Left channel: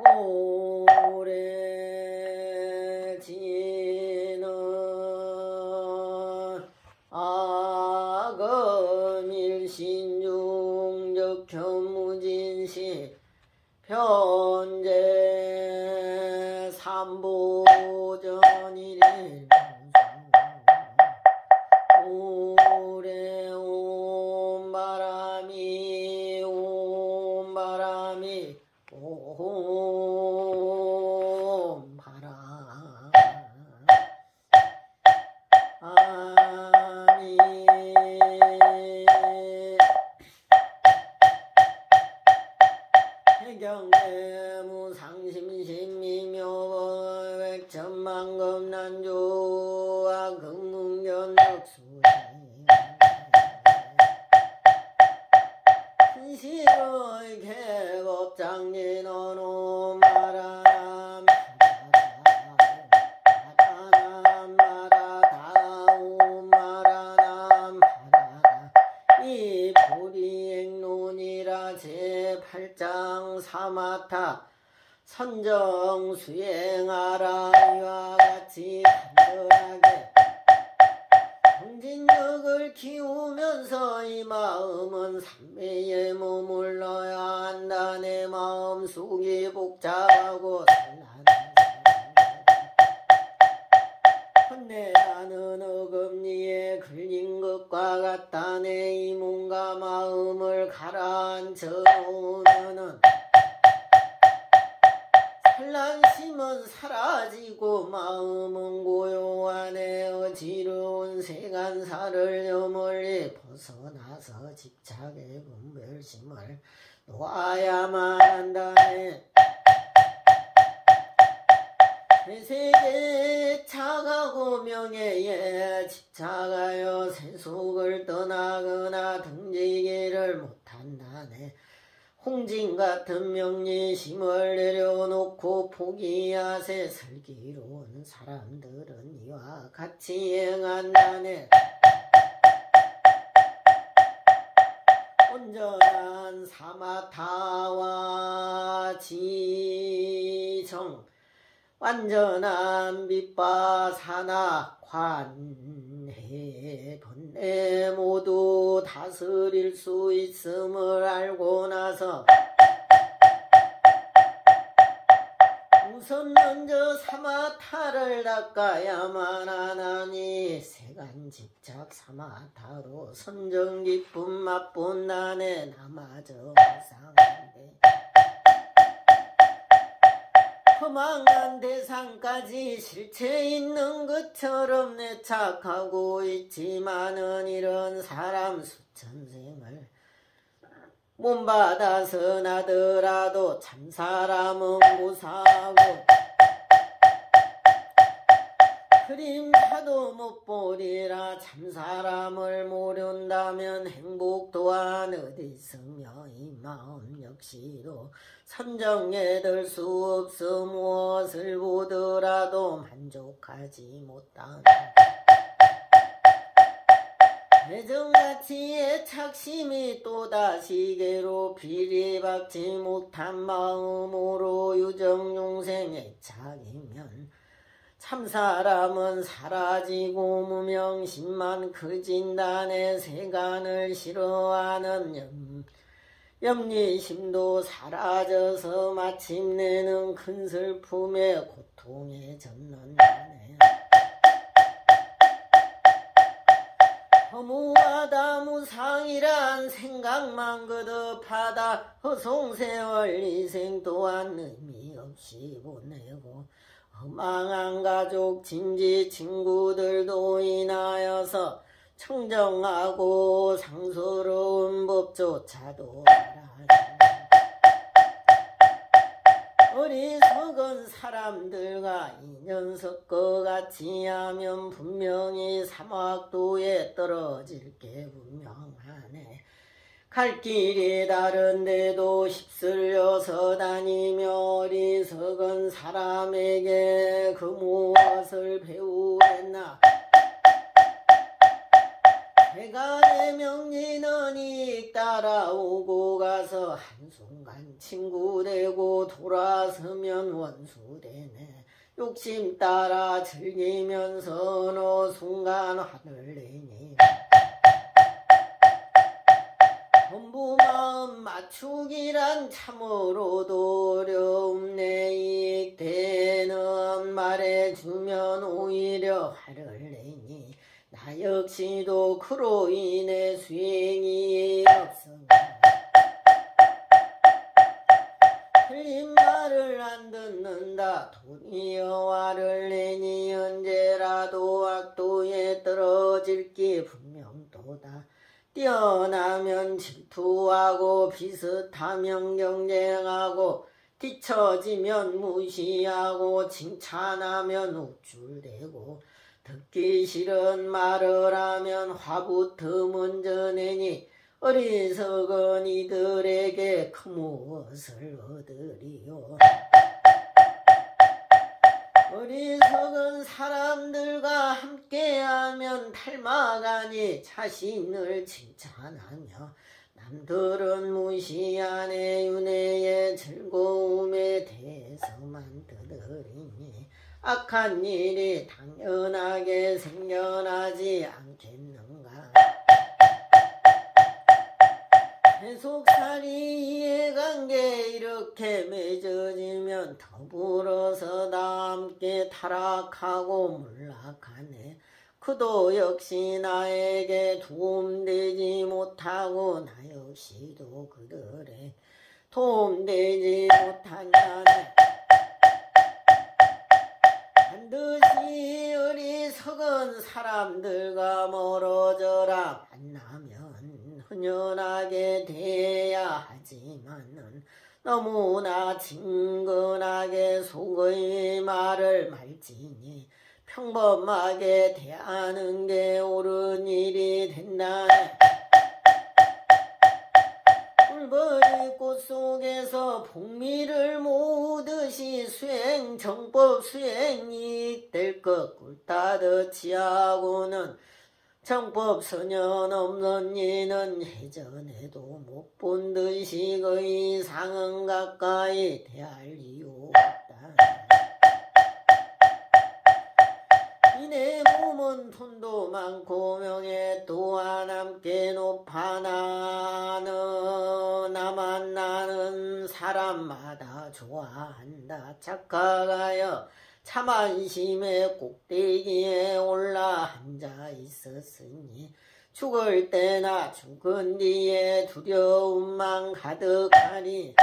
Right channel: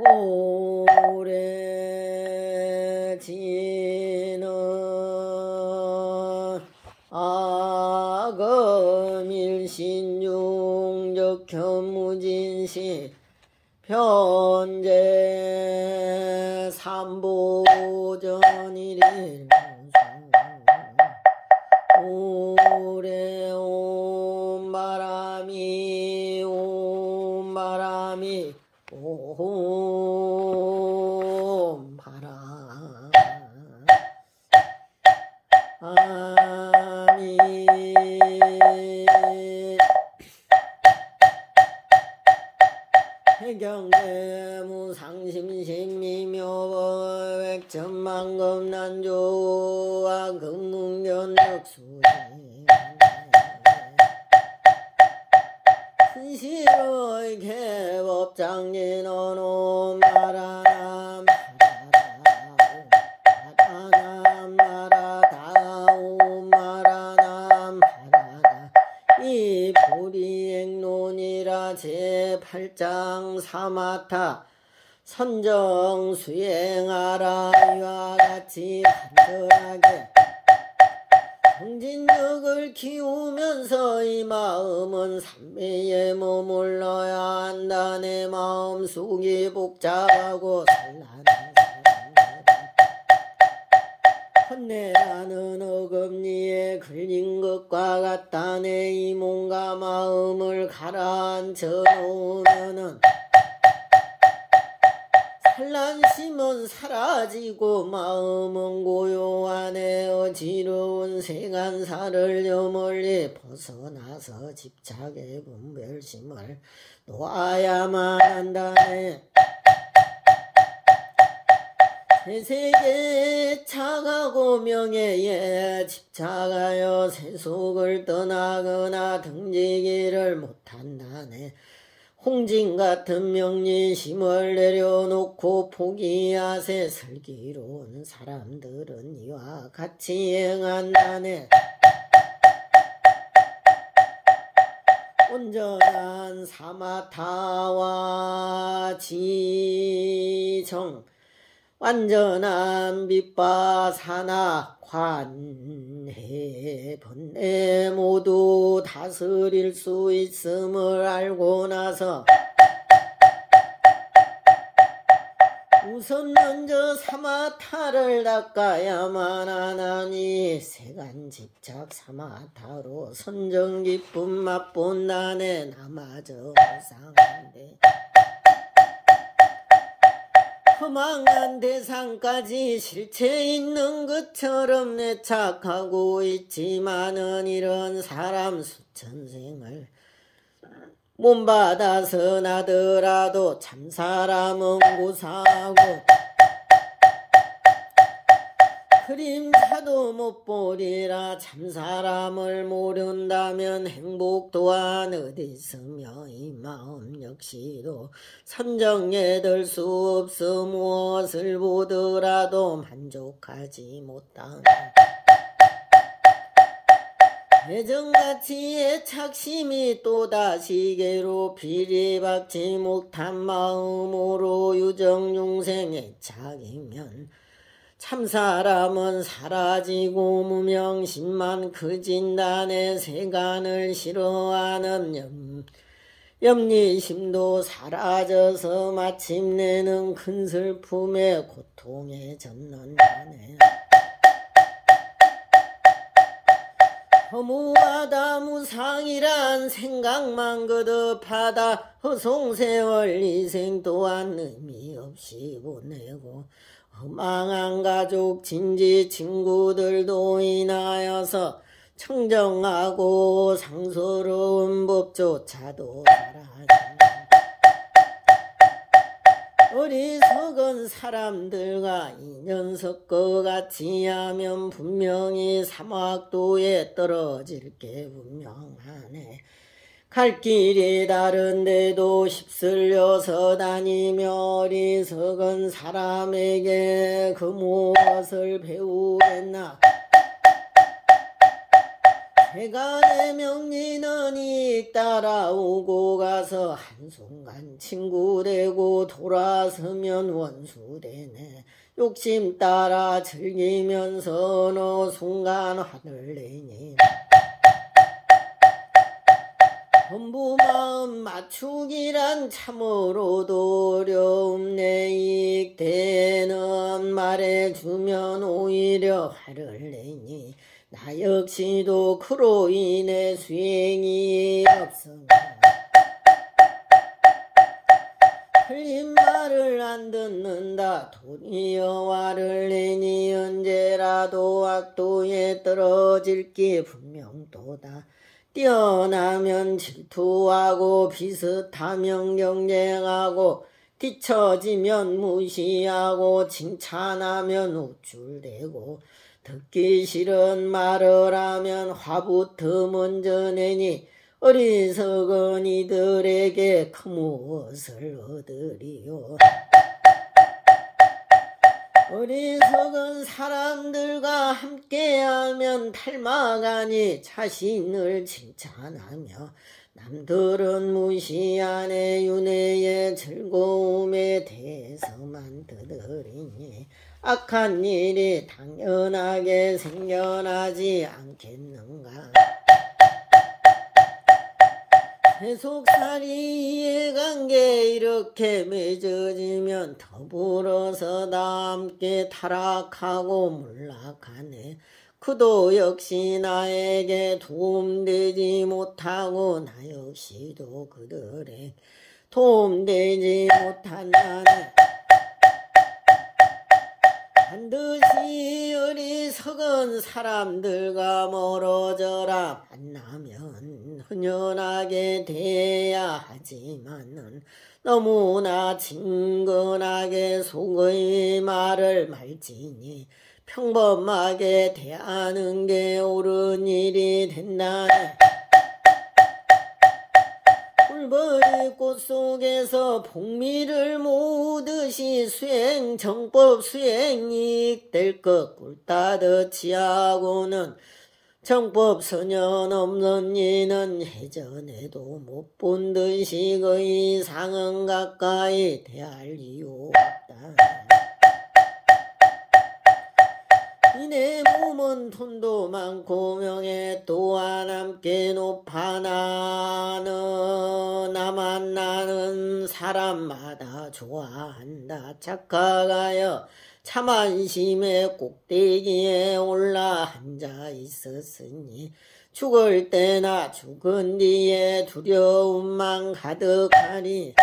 오래 지는 아금일신중적 견무진시 편제 삼보전일일 오래 온 바람이 온 바람이 온 바람이 해경대무 상심심미묘백천만금난조와 금문견덕수행 신실의 개법장진언오 마라남 마라다오 마라남 마라다 이 불이행론이라 제8장 사마타 선정 수행하라 이와 같이 간절하게 정진력을 키우면서 이 마음은 삼매에 머물러야 한다. 내 마음속이 복잡하고 산란한 헌내라는 어금니에 걸린 것과 같다. 내 이 몸과 마음을 가라앉혀 놓으면은 산란심은 사라지고 마음은 고요하네. 어지러운 세간사를 저 멀리 벗어나서 집착의 분별심을 놓아야만 한다네. 세세계 착하고 명예에 집착하여 세속을 떠나거나 등지기를 못한다네. 홍진같은 명리심을 내려놓고 포기하세. 슬기로운 사람들은 이와 같이 행한다네. 온전한 사마타와 지정 완전한 빛바사나 관해 번뇌 모두 다스릴 수 있음을 알고 나서 우선 먼저 사마타를 닦아야만 하나니 세간 집착 사마타로 선정 기쁨 맛본다네. 나마저 무상한데 허망한 대상까지 실체 있는 것처럼 내착하고 있지만은 이런 사람 수천생을 몸받아서 나더라도 참사람은 고사하고 그림자도 못 보리라. 참사람을 모른다면 행복 또한 어디 있으며 이 마음 역시도 선정에 들 수 없어. 무엇을 보더라도 만족하지 못하는 예전같이 애착심이 또다시 괴롭히리 받지 못한 마음으로 유정중생 애착이면 참사람은 사라지고 무명심만 커진다네. 세간을 싫어하는 염리심도 사라져서 마침내는 큰 슬픔에 고통에 접는다네. 허무하다 무상이란 생각만 거듭하다 허송세월 이생 또한 의미 없이 보내고 허망한 가족 친지 친구들도 인하여서 청정하고 상스러운 법조차도 알아야 어리석은 사람들과 인연 섞어 같이 하면 분명히 사막도에 떨어질 게 분명하네. 갈 길이 다른데도 휩쓸려서 다니며 어리석은 사람에게 그 무엇을 배우겠나. 해간의 명리는 익 따라오고 가서 한순간 친구 되고 돌아서면 원수 되네. 욕심 따라 즐기면서 어느 순간 화를 내니 전부 마음 맞추기란 참으로도 어려움내. 이익되는 말해주면 오히려 화를 내니 나 역시도 그로 인해 수행이 없으나 틀린 말을 안 듣는다. 도리어 화를 내니 언제라도 악도에 떨어질기 분명도다. 뛰어나면 질투하고 비슷하면 경쟁하고 뒤처지면 무시하고 칭찬하면 우쭐대고 듣기 싫은 말을 하면 화부터 먼저 내니 어리석은 이들에게 그 무엇을 얻으리요. 어리석은 사람들과 함께하면 닮아가니 자신을 칭찬하며 남들은 무시하네. 윤회의 즐거움에 대해서만 떠들이니 악한 일이 당연하게 생겨나지 않겠는가. 세속살이 이해관계 이렇게 맺어지면 더불어서 다 함께 타락하고 몰락하네. 그도 역시 나에게 도움되지 못하고 나 역시도 그들에 도움되지 못한다네. 반드시 어리석은 사람들과 멀어져라. 만나면 흔연하게 대해야 하지만은 너무나 친근하게 속의 말을 말지니 평범하게 대하는 게 옳은 일이 된다네. 꿀벌이 꽃 속에서 복미를 모으듯이 수행 정법 수행이 될 것 꿀따듯이 하고는 정법 선연 없는 이는 예전에도 못 본 듯이 그 이상은 가까이 대할 이유 없다. 이내 몸은 돈도 많고 명예 또한 함께 높아 나만 나는 사람마다 좋아한다. 착각하여 참안심의 꼭대기에 올라 앉아 있었으니 죽을 때나 죽은 뒤에 두려움만 가득하니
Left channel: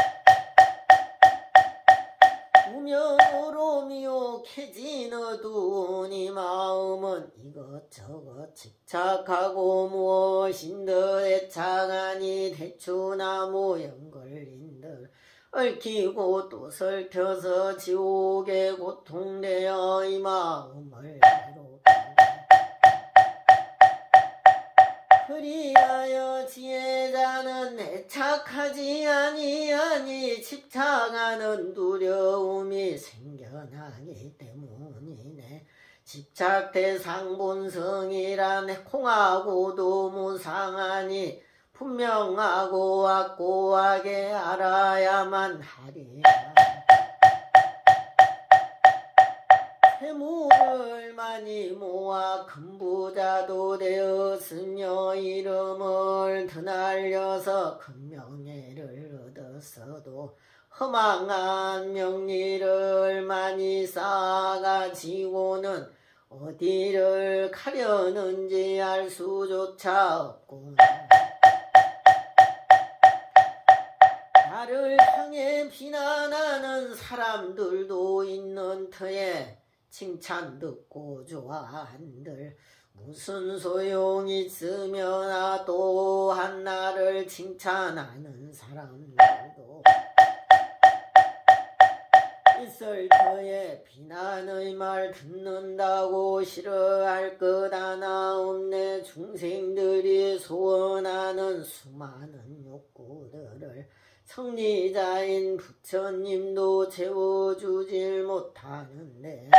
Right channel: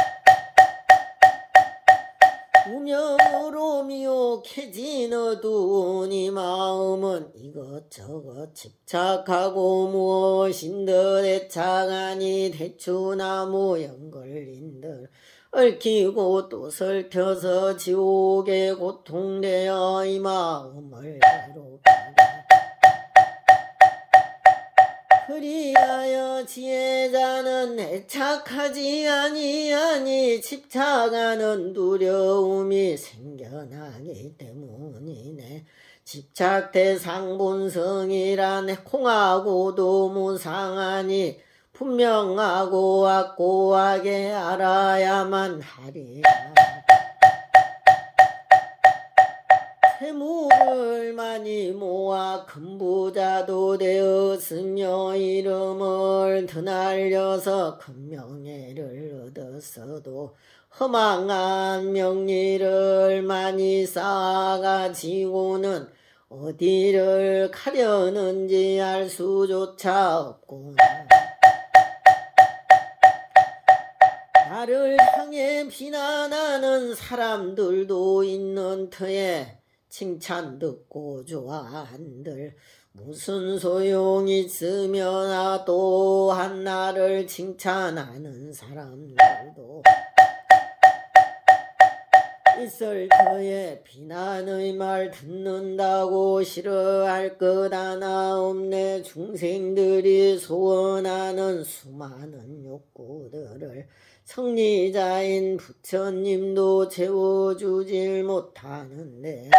우명으로 미혹해진 어두운 이 마음은 이것저것 집착하고 무엇인 듯 애착하니 대추나무 연걸린 듯 얽히고 또 설켜서 지옥에 고통되어 이 마음을 괴롭힌다. 그리하여 지혜자는 애착하지 아니하니 집착하는 두려움이 생겨나기 때문이네. 집착 대상 본성이란 공하고도 무상하니 분명하고 확고하게 알아야만 하리라. 재물을 많이 모아 큰부자도 되었으며 이름을 드날려서 큰 명예를 얻었어도 허망한 명리를 많이 쌓아가지고는 어디를 가려는지 알 수조차 없구나. 나를 향해 비난하는 사람들도 있는 터에 칭찬 듣고 좋아한들 무슨 소용 있으며 또한 나를 칭찬하는 사람들도 있을 터에 비난의 말 듣는다고 싫어할 것 하나 없네. 중생들이 소원하는 수많은 욕구들을 성리자인 부처님도 채워주질 못하는데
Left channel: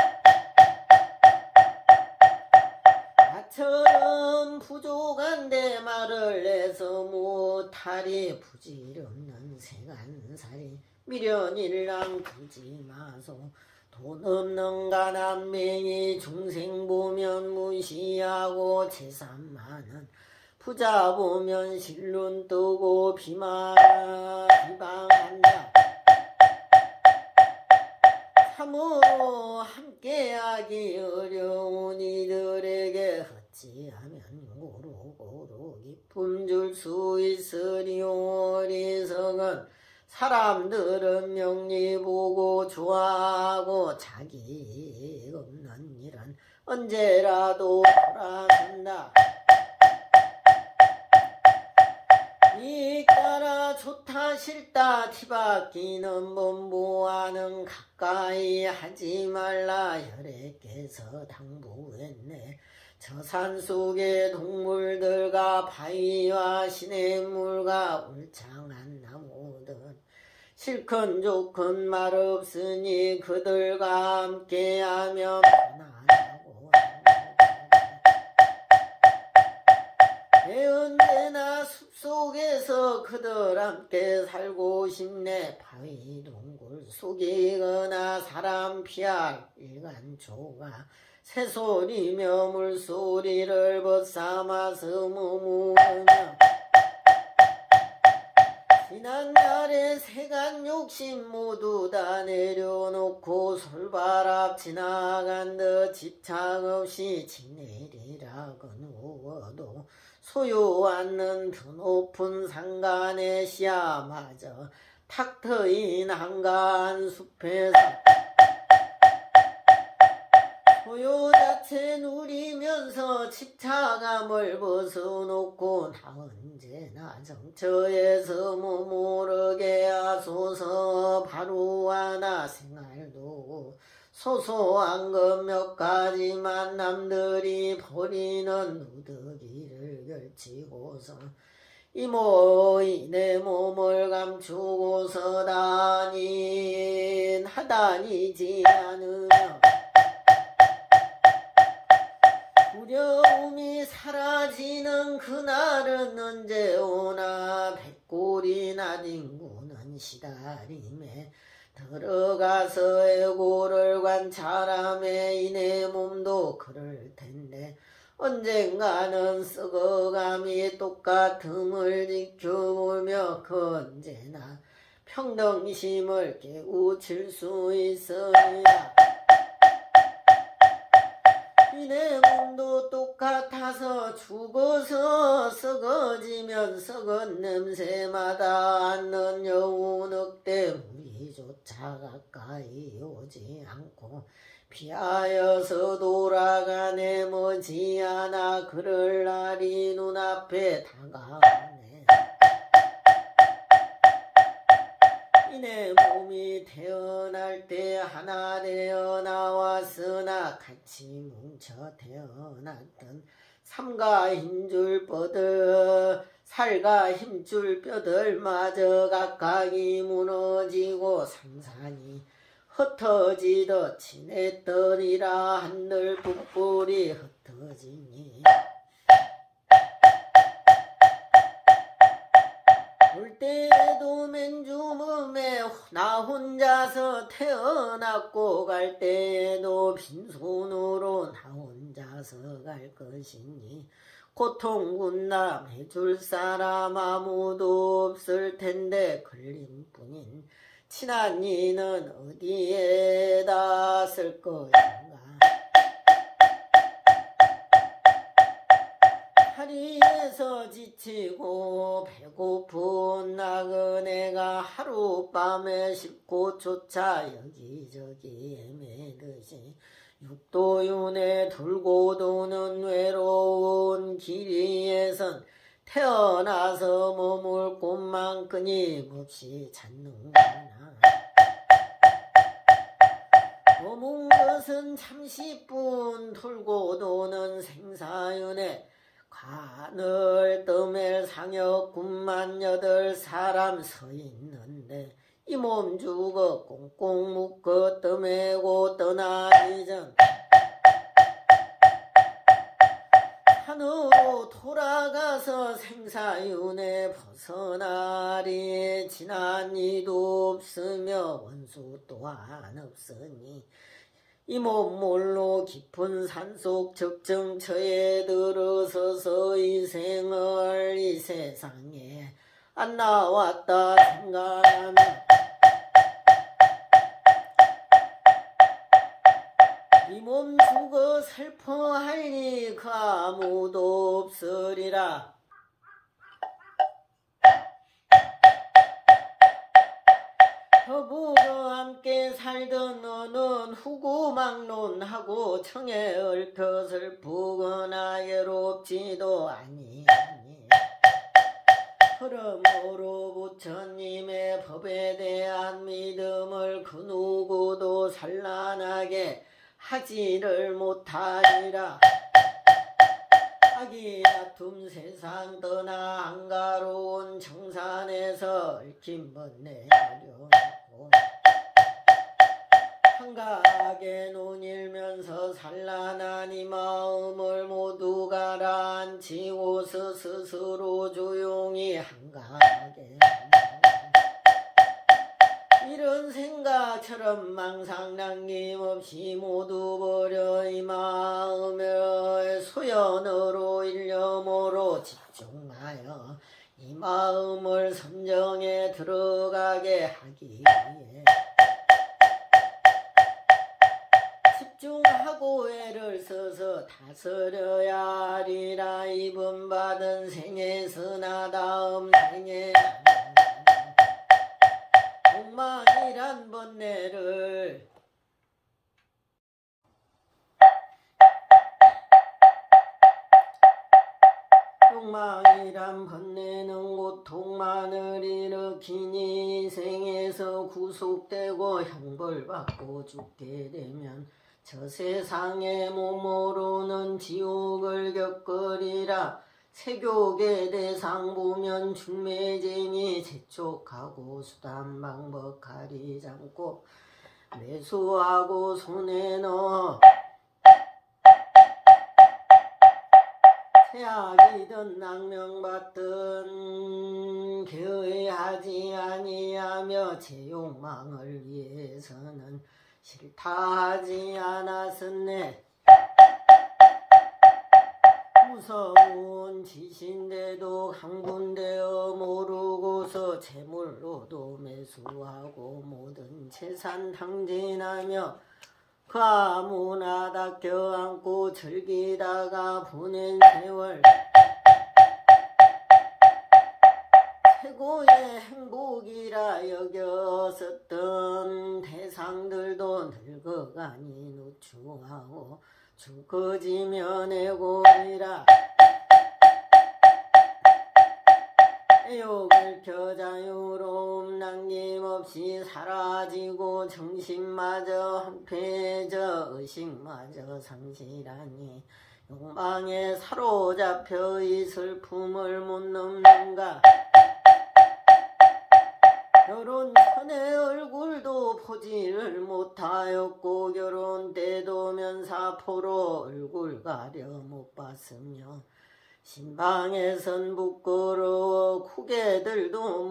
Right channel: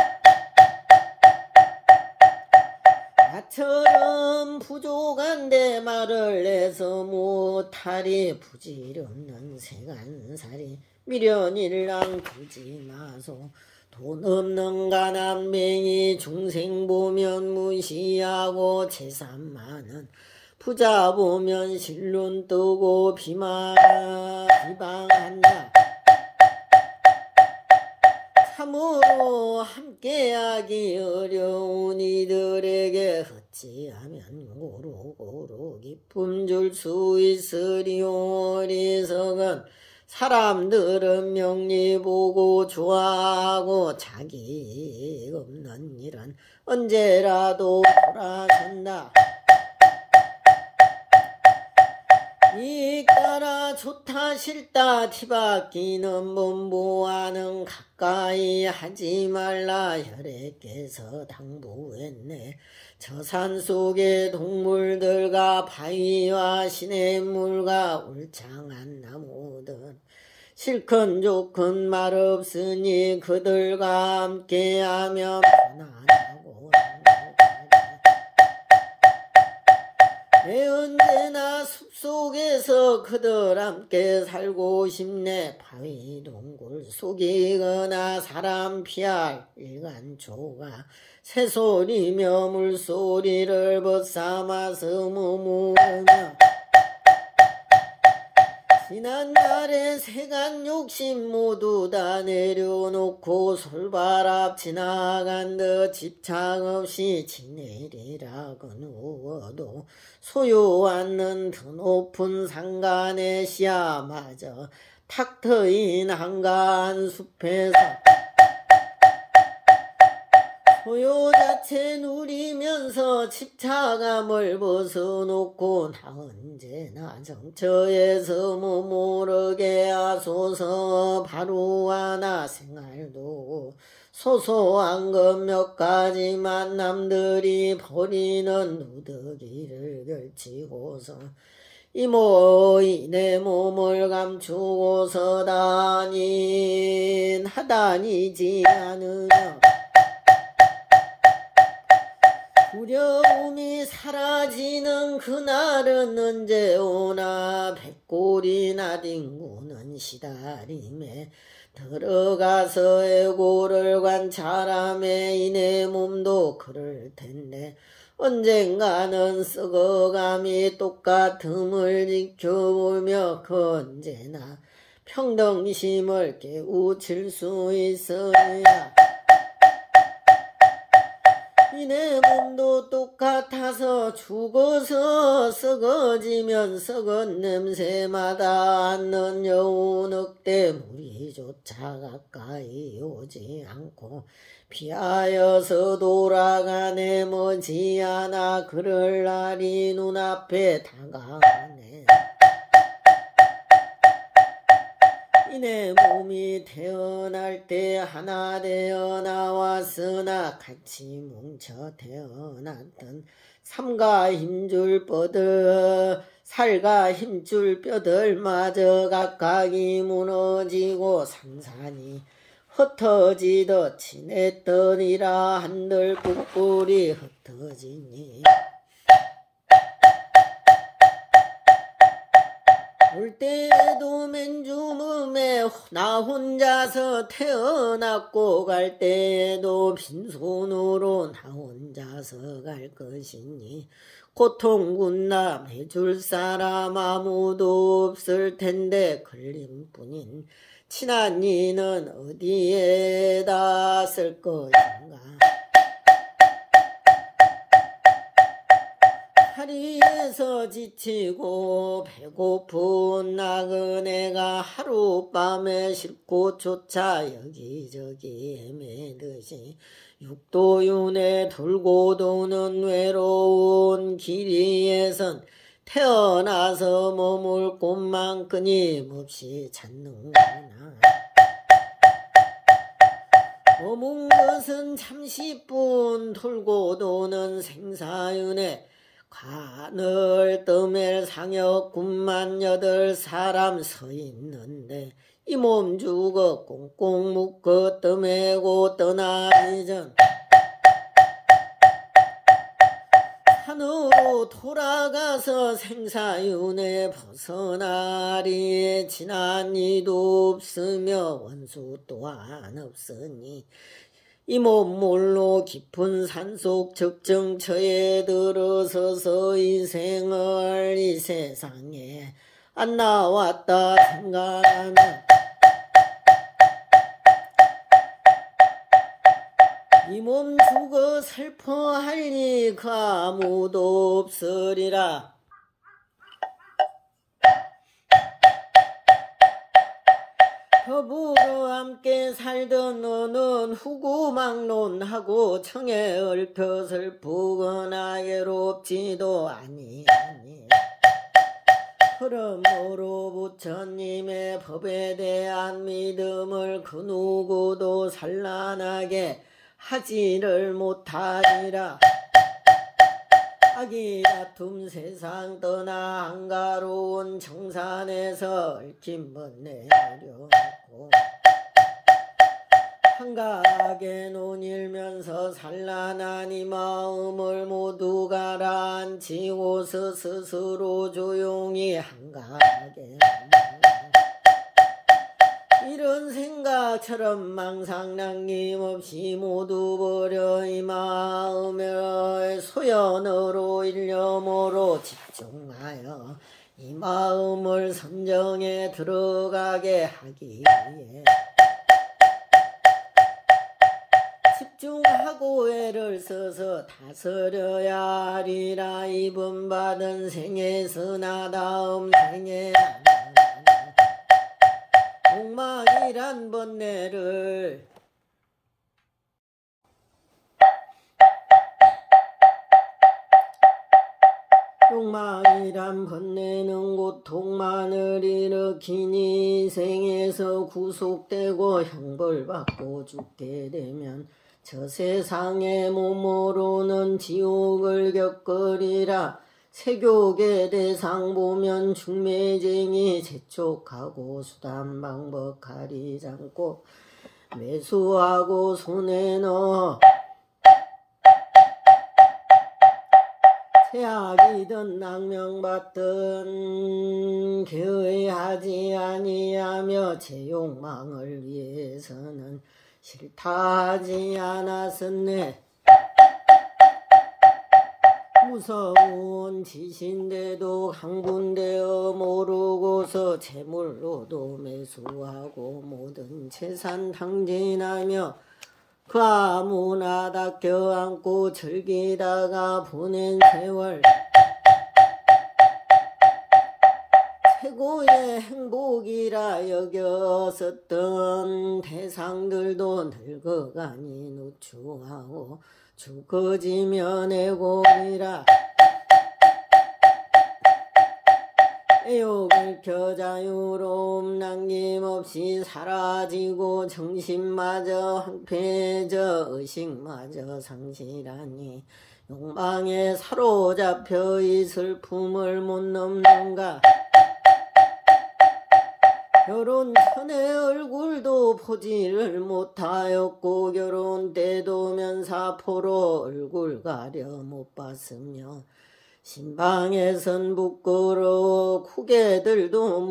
나처럼 부족한데 말을 내서 못하리 부질없는 세간살이 미련일랑 두지 마소 돈 없는 가난맹이 중생 보면 무시하고 재산 많은 부자 보면 실눈 뜨고 비방한다. 참으로 함께하기 어려운 이들에게 어찌하면 고루고루 기쁨 줄 수 있으리오. 어리석은 사람들은 명리 보고 좋아하고 자기 없는 일은 언제라도 돌아선다. 이까라 좋다 싫다 티바뀌는 범보와는 가까이 하지 말라. 혈액께서 당부했네. 저 산속의 동물들과 바위와 시냇물과 울창한 나무들 실컷 좋건 말 없으니 그들과 함께하며 편안하고 내 언제나 숲속에서 그들 함께 살고 싶네. 바위 동굴 속이거나 사람 피할 일간초가 새소리며 물소리를 벗삼아서 머무르며 지난날의 세간 욕심 모두 다 내려놓고 솔바람 지나간 듯 집착 없이 지내리라고 누워도 소유 않는 더 높은 상간의 씨앗마저 탁 트인 한가한 숲에서 소유 자체 누리면서 집착감을 벗어놓고 나 언제나 정처에서 머무르게 하소서. 바로 하나 생활도 소소한 것 몇 가지만 남들이 버리는 누더기를 걸치고서 이모이 내 몸을 감추고서 하다니지 않으며 두려움이 사라지는 그날은 언제 오나. 백골이나 뒹구는 시다림에 들어가서 애고를 관찰함에 이내 몸도 그럴 텐데 언젠가는 썩어감이 똑같음을 지켜보며 그 언제나 평등심을 깨우칠 수 있어야 이내 몸도 똑같아서 죽어서 썩어지면 썩은 냄새마다 않는 여우 늑대 무리조차 가까이 오지 않고 피하여서 돌아가네. 머지않아 그럴 날이 눈앞에 다가오네. 이내 몸이 태어날 때 하나 되어 나왔으나 같이 뭉쳐 태어났던 삼가 힘줄 뼈들 살가 힘줄 뼈들마저 각각이 무너지고 산산이 흩어지듯 지냈더니라. 한들 뿔뿔이 흩어지니 올 때에도 맨주몸에 나 혼자서 태어났고 갈 때에도 빈손으로 나 혼자서 갈 것이니 고통군남 해줄 사람 아무도 없을 텐데 걸림뿐인 친한 이는 어디에다 쓸 것인가. 다리에서 지치고 배고픈 나그네가 하룻밤에 싣고조차 여기저기 헤매듯이 육도윤에 돌고 도는 외로운 길이에선 태어나서 머물 곳만 끊임없이 찾는구나. 머문 것은 잠시뿐 돌고 도는 생사윤에 가늘 떠멜 상여 98사람 서 있는데 이 몸 죽어 꽁꽁 묶어 떠매고 떠나기 전 산으로 돌아가서 생사윤회 벗어나리. 지난 이도 없으며 원수 또한 없으니 이 몸몰로 깊은 산속 적정처에 들어서서 이 생을 이 세상에 안 나왔다 생각하나 이 몸 죽어 슬퍼하리니 그 아무도 없으리라. 더불어 함께 살던 너는 후구막론하고 청에 얽혀 슬프거나 괴롭지도 아니하니 그러므로 부처님의 법에 대한 믿음을 그 누구도 산란하게 하지를 못하리라. 악이 다툼 세상 떠나 한가로운 정산에서 얽힌 번뇌 어려웠고 한가하게 논일면서 산란한 이 마음을 모두 가라앉히고서 스스로 조용히 한가하게 이런 생각처럼 망상 남김없이 모두 버려 이 마음의 소연으로 일념으로 집중하여 이 마음을 선정에 들어가게 하기 위해 집중하고 애를 써서 다스려야 하리라. 이번 받은 생에서나 다음 생에 욕망이란 번뇌를 욕망이란 번뇌는 고통만을 일으키니 인생에서 구속되고 형벌받고 죽게 되면 저 세상의 몸으로는 지옥을 겪으리라. 세교계 대상 보면 중매쟁이 재촉하고 수단 방법 가리지 않고 매수하고 손에 넣어 세악이든 낙명받든 교회하지 아니하며 제 욕망을 위해서는 싫다 하지 않았었네. 무서운 짓인데도 강군되어 모르고서 재물로도 매수하고 모든 재산 탕진하며 그 아무나 다 껴안고 즐기다가 보낸 세월 최고의 행복이라 여겼었던 대상들도 늙어가니 누추하고 죽어지면 애고니라. 애욕을 켜 자유로움 남김없이 사라지고 정신마저 황폐해져 의식마저 상실하니 욕망에 사로잡혀 이 슬픔을 못 넘는가. 결혼 전에 얼굴도 보지를 못하였고 결혼 때도 면사포로 얼굴 가려 못 봤으며 신방에선 부끄러워 고개도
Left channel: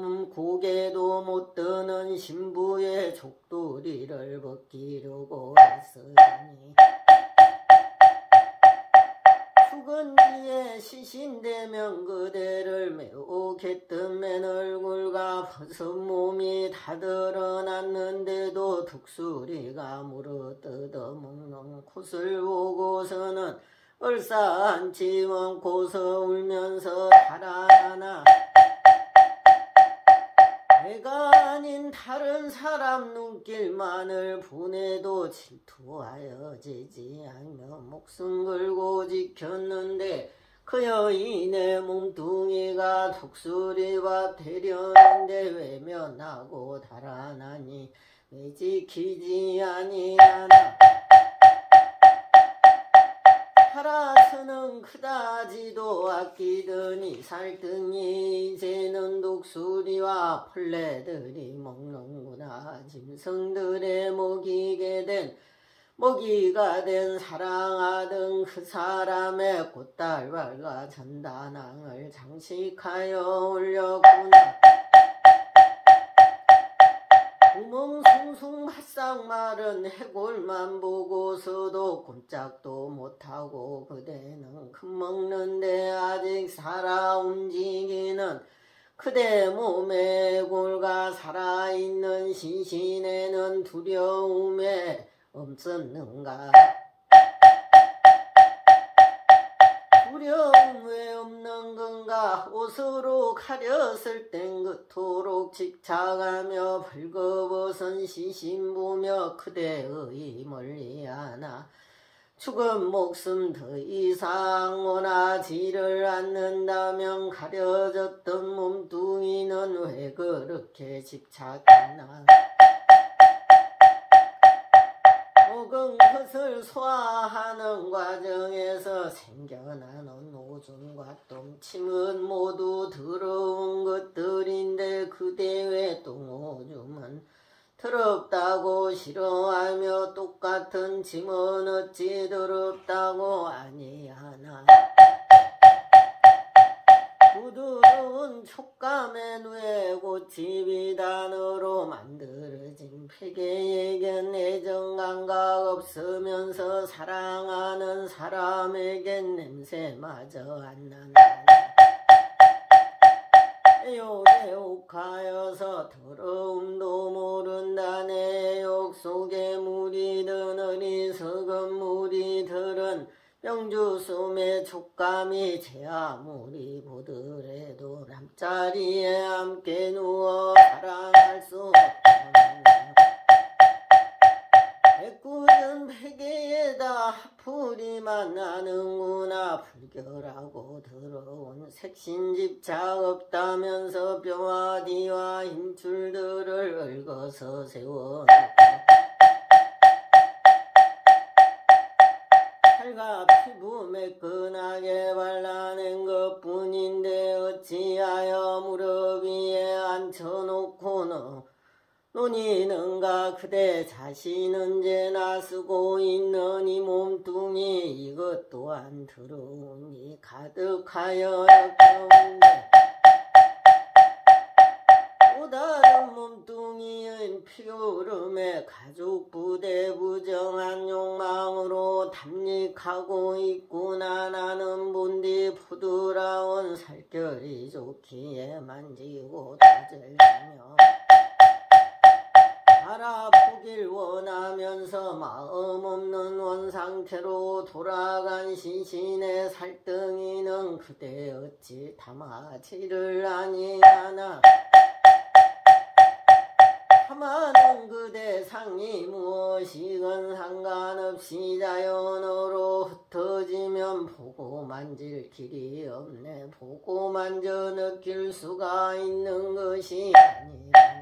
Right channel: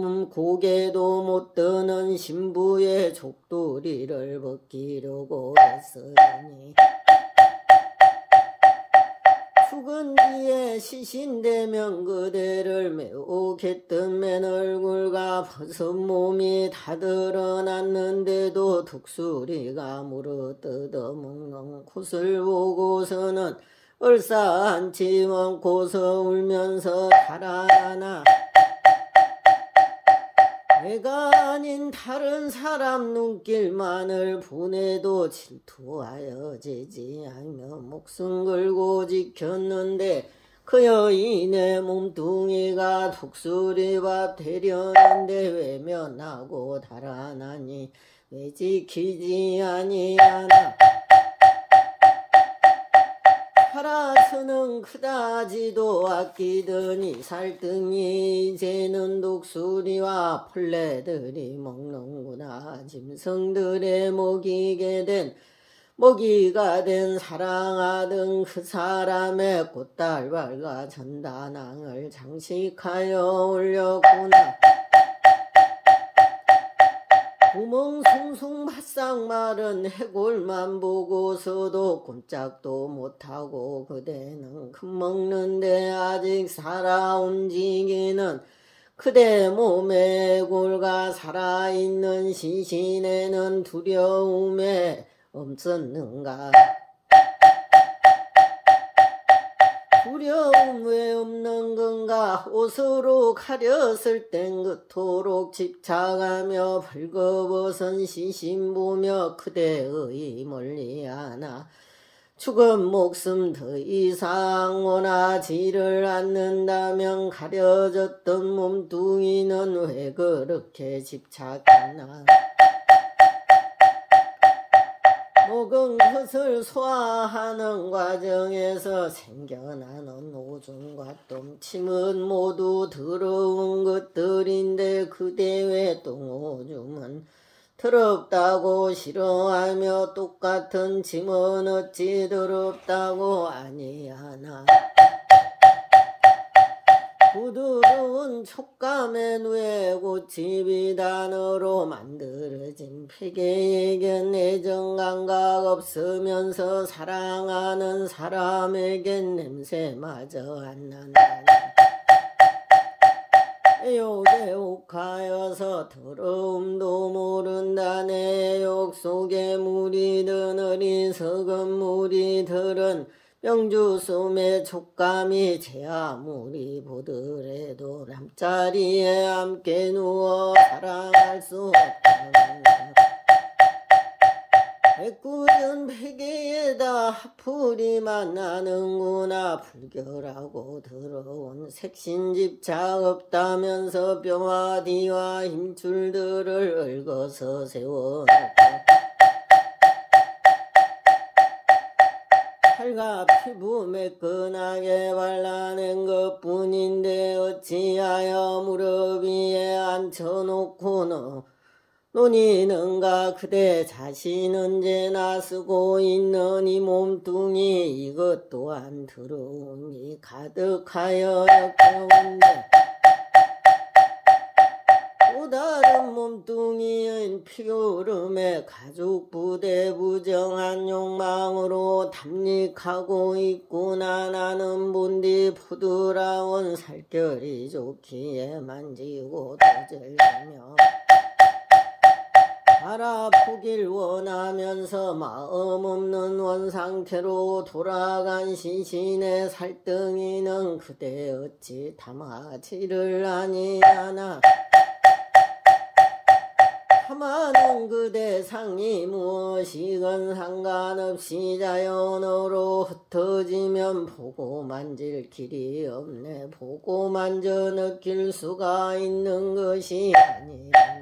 못 드는 신부의 족두리를 벗기려고 했으니 죽은 뒤에 시신되면 그대를 매혹했던 맨 얼굴과 벗은 몸이 다 드러났는데도 독수리가 물어뜯어 먹는 콧을 보고서는 얼싸안지 않고서 울면서 달아나나 내가 아닌 다른 사람 눈길만을 보내도 질투하여 지지 않으며 목숨 걸고 지켰는데 그 여인의 몸뚱이가 독수리와 되려는데 외면하고 달아나니 왜 지키지 아니하나. 살아서는 그다지도 아끼더니 살등이 이제는 독수리와 벌레들이 먹는구나. 짐승들에 먹이게 된 먹이가 된 사랑하던 그 사람의 꽃달발과 전단항을 장식하여 올렸구나. 구멍 숭숭 바싹 마른 해골만 보고서도 꼼짝도 못하고 그대는 금먹는데 아직 살아 움직이는 그대 몸의 해골과 살아있는 시신에는 두려움에 없었는가. 두려움 왜 없는 건가. 옷으로 가렸을 땐 그토록 집착하며 벌거벗은 시신 보며 그대의 멀리하나 죽은 목숨 더 이상 원하지를 않는다면 가려졌던 몸뚱이는 왜 그렇게 집착했나. 먹은 것을 소화하는 과정에서 생겨나는 오줌과 똥침은 모두 더러운 것들인데 그대 왜 똥오줌은 더럽다고 싫어하며 똑같은 짐은 어찌 더럽다고 아니하나. 부드러운 촉감의 뇌고치 비단으로 만들어진 베개에겐 애정감각 없으면서 사랑하는 사람에겐 냄새마저 안 난다. 애옥하여서 더러움도 모른다. 내 욕 속에 무리든 어리석은 무리들은 명주숨의 촉감이 제 아무리 보더라도 남자리에 함께 누워 사랑할 수 없다. 애꿎은 베개에다 하풀이만 나는구나. 불결하고 더러운 색신집착 없다면서 뼈와 뒤와 힘줄들을 얽어서 세워놓고 살과 피부 매끈하게 발라낸 것뿐인데 어찌하여 무릎 위에 앉혀놓고 논이는가. 그대 자신은 언제나 쓰고 있는 이 몸뚱이 이것 또한 더러움이 가득하여 역겨운데 또 다른 몸뚱이인 피오름에 가죽 부대 부정한 욕망으로 담닉하고 있구나. 나는 본디 부드러운 살결이 좋기에 만지고 떠들며 알아보길 원하면서 마음 없는 원상태로 돌아간 시신의 살덩이는 그대 어찌 담아지를 아니하나. 담아는 그대 상이 무엇이건 상관없이 자연으로 흩어지면 보고 만질 길이 없네. 보고 만져 느낄 수가 있는 것이 아니라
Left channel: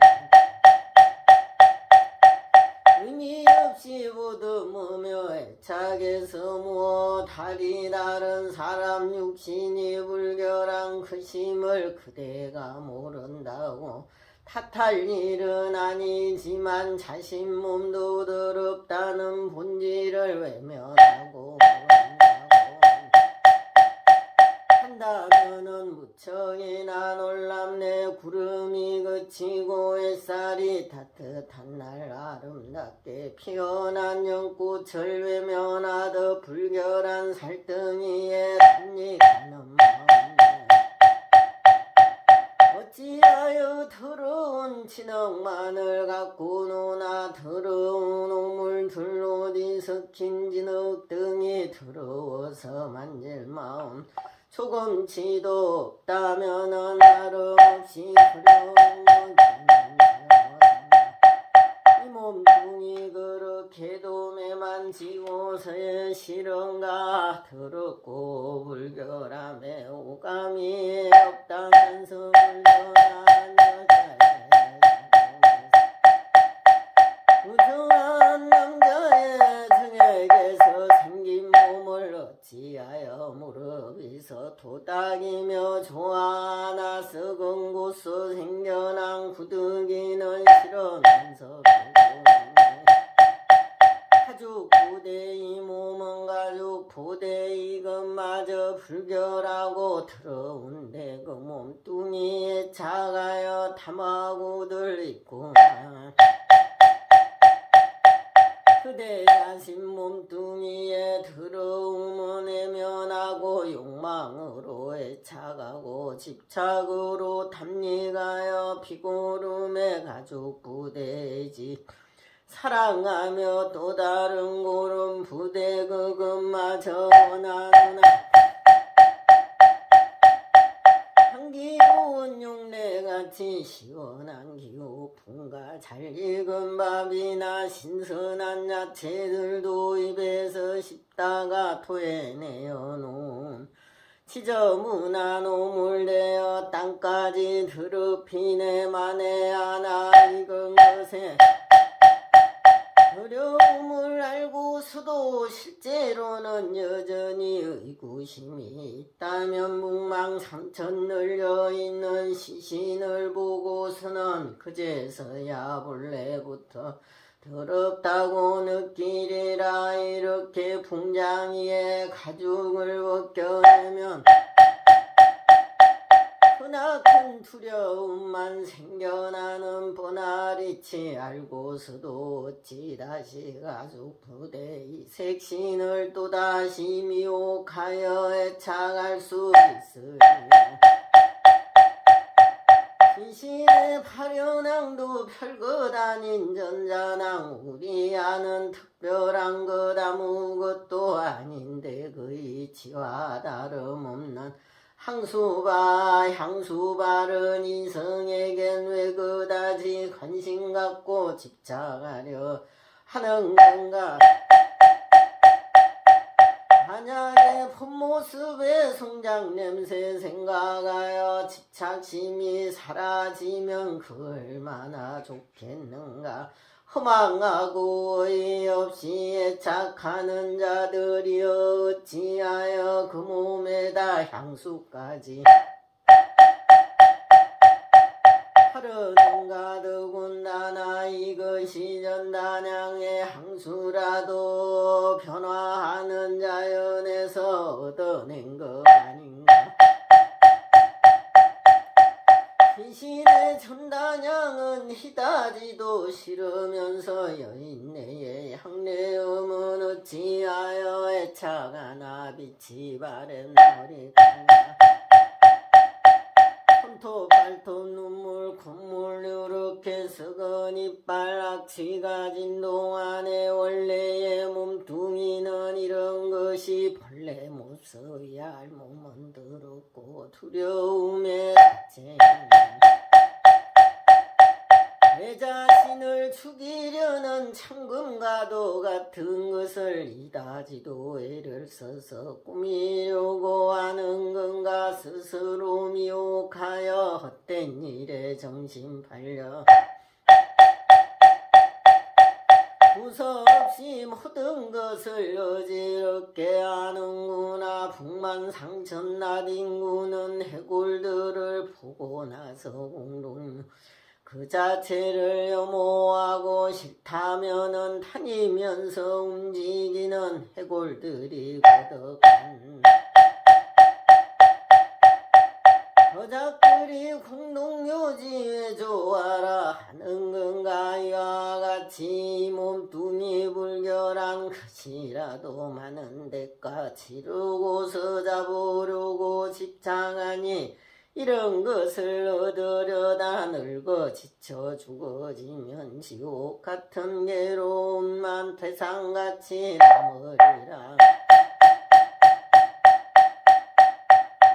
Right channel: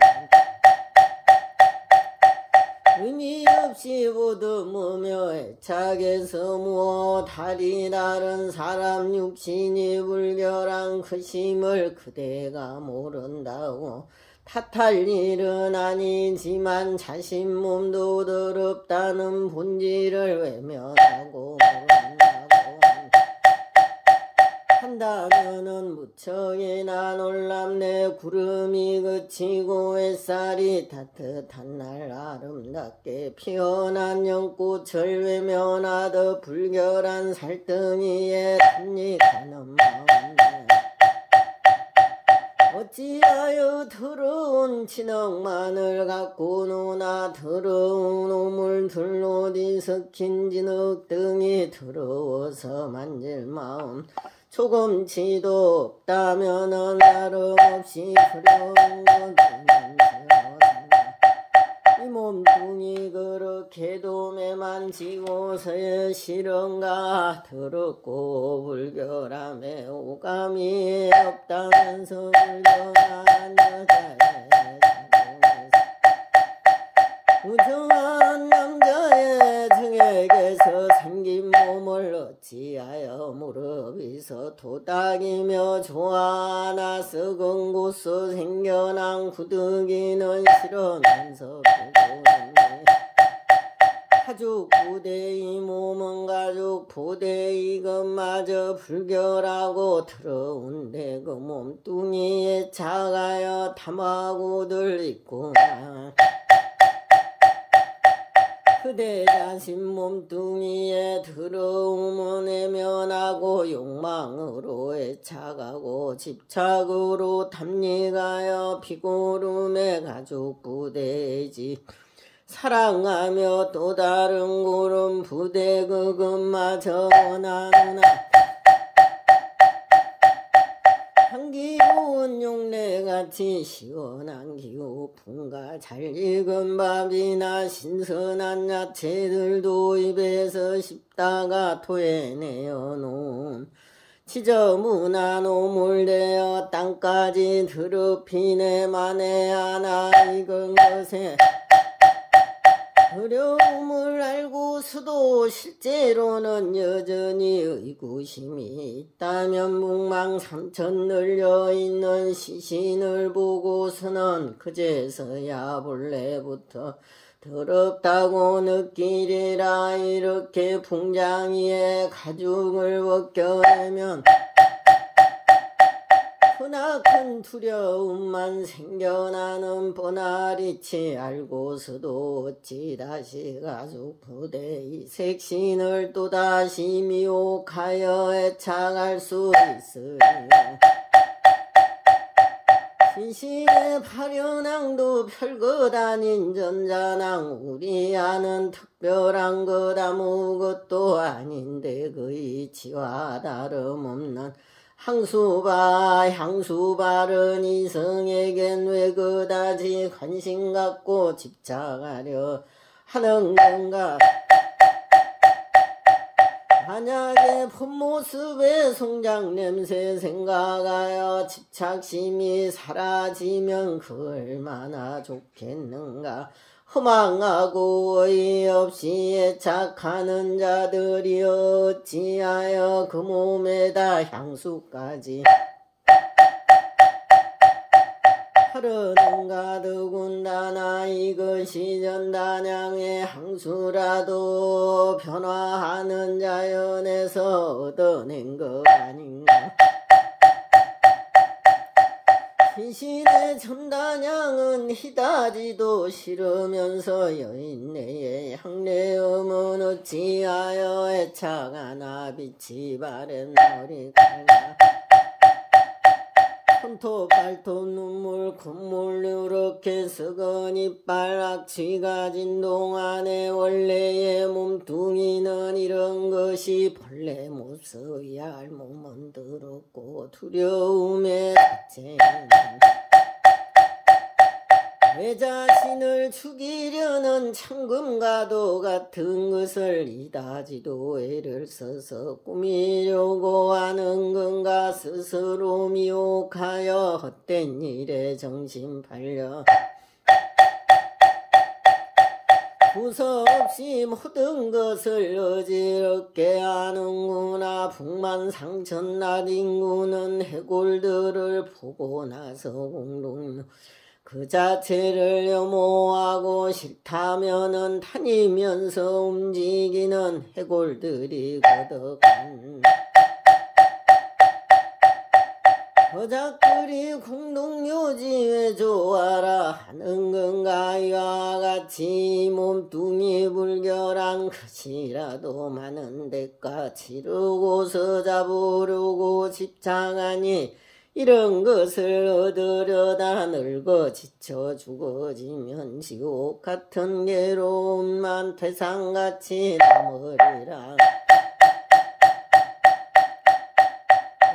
의미 없이 보듬으며 애착에서 무엇 다리 다른 사람 육신이 불결한 그 심을 그대가 모른다고 탓할 일은 아니지만 자신 몸도 더럽다는 본질을 외면하고 한다면은 무척이나 놀랍네. 구름이 그치고 햇살이 따뜻한 날 아름답게 피어난 연꽃을 외면하듯 불결한 살덩이에 담닉하는 마음. 어찌하여 더러운 진흙만을 갖고 노나. 더러운 오물들로 뒤섞인 진흙등이 더러워서 만질 마음 조금치도 없다면은 다름없이 두려운 건 이 몸뚱이 그렇게도 매만지고서야 싫은가. 더럽고 불결함에 오감이 없다면서 불결한 여자의 부정한 남자의 등에게서 생긴 몸을 어찌하여 무릎 위서 도닥이며 좋아하나. 썩은 곳서 생겨난 구더기는 싫으면서 보고 가죽 부대이 몸은 가죽 부대 이것마저 불결하고 더러운데 그 몸뚱이에 작아여 탐하고들 있구나. 그대 자신 몸뚱이에 더러움은 애면하고 욕망으로 애착하고 집착으로 탐닉하여 피고름에 가죽 부대이지. 사랑하며 또 다른 구름 부대 그것마저 원하노나. 향기로운 용내같이 시원한 기후 분가 잘 익은 밥이나 신선한 야채들도 입에서 씹다가 토해내어 놓은 지저분한 오물되어 땅까지 더럽히네 만에 하나 익은 것에 어려움을 알고서도 실제로는 여전히 의구심이 있다면 묵망상천 널려있는 시신을 보고서는 그제서야 본래부터 더럽다고 느끼리라. 이렇게 풍장이에 가죽을 벗겨내면 크나큰 두려움만 생겨나는 뻔하리치. 알고서도 어찌 다시 가죽 부대의 색신을 또다시 미혹하여 애착할 수 있으리요. 시신의 파련왕도 별것 아닌 전자낭 우리 아는 특별한 것 아무것도 아닌데 그 이치와 다름없는 향수 바른 이성에겐 왜 그다지 관심 갖고 집착하려 하는 건가. 만약에 본모습의 성장 냄새 생각하여 집착심이 사라지면 그 얼마나 좋겠는가. 허망하고 어이없이 애착하는 자들이 어찌하여 그 몸에다 향수까지 하려는가. 더군다나 이것이 전단양의 향수라도 변화하는 자연에서 얻어낸 것 아닌가. 시신의 전단양은 희다지도 싫으면서 여인네의 향내음은 어찌하여 애착하나. 빛이 바랜 머리카락 손톱 발톱 눈물 콧물 이렇게 썩은 이빨 악취 가진 동안의 원래의 몸뚱이는 이런 것이 본래 모습이야. 몸은 더럽고 두려움에 자체는 내 자신을 죽이려는 창금과도 같은 것을 이다지도 애를 써서 꾸미려고 하는 건가. 스스로 미혹하여 헛된 일에 정신 팔려 두서없이 모든 것을 어지럽게 하는구나. 북만상천 인구는 해골들을 보고 나서 공동 그 자체를 혐오하고 싫다면은 다니면서 움직이는 해골들이 거덕한 여자들이 공동묘지에 좋아라 하는 건가. 이와 같이 몸뚱이 불결한 것이라도 많은 대가 치르고서 잡으려고 집착하니 이런 것을 얻으려다 늙어 지쳐 죽어지면 지옥 같은 괴로움만 태산같이 남으리라.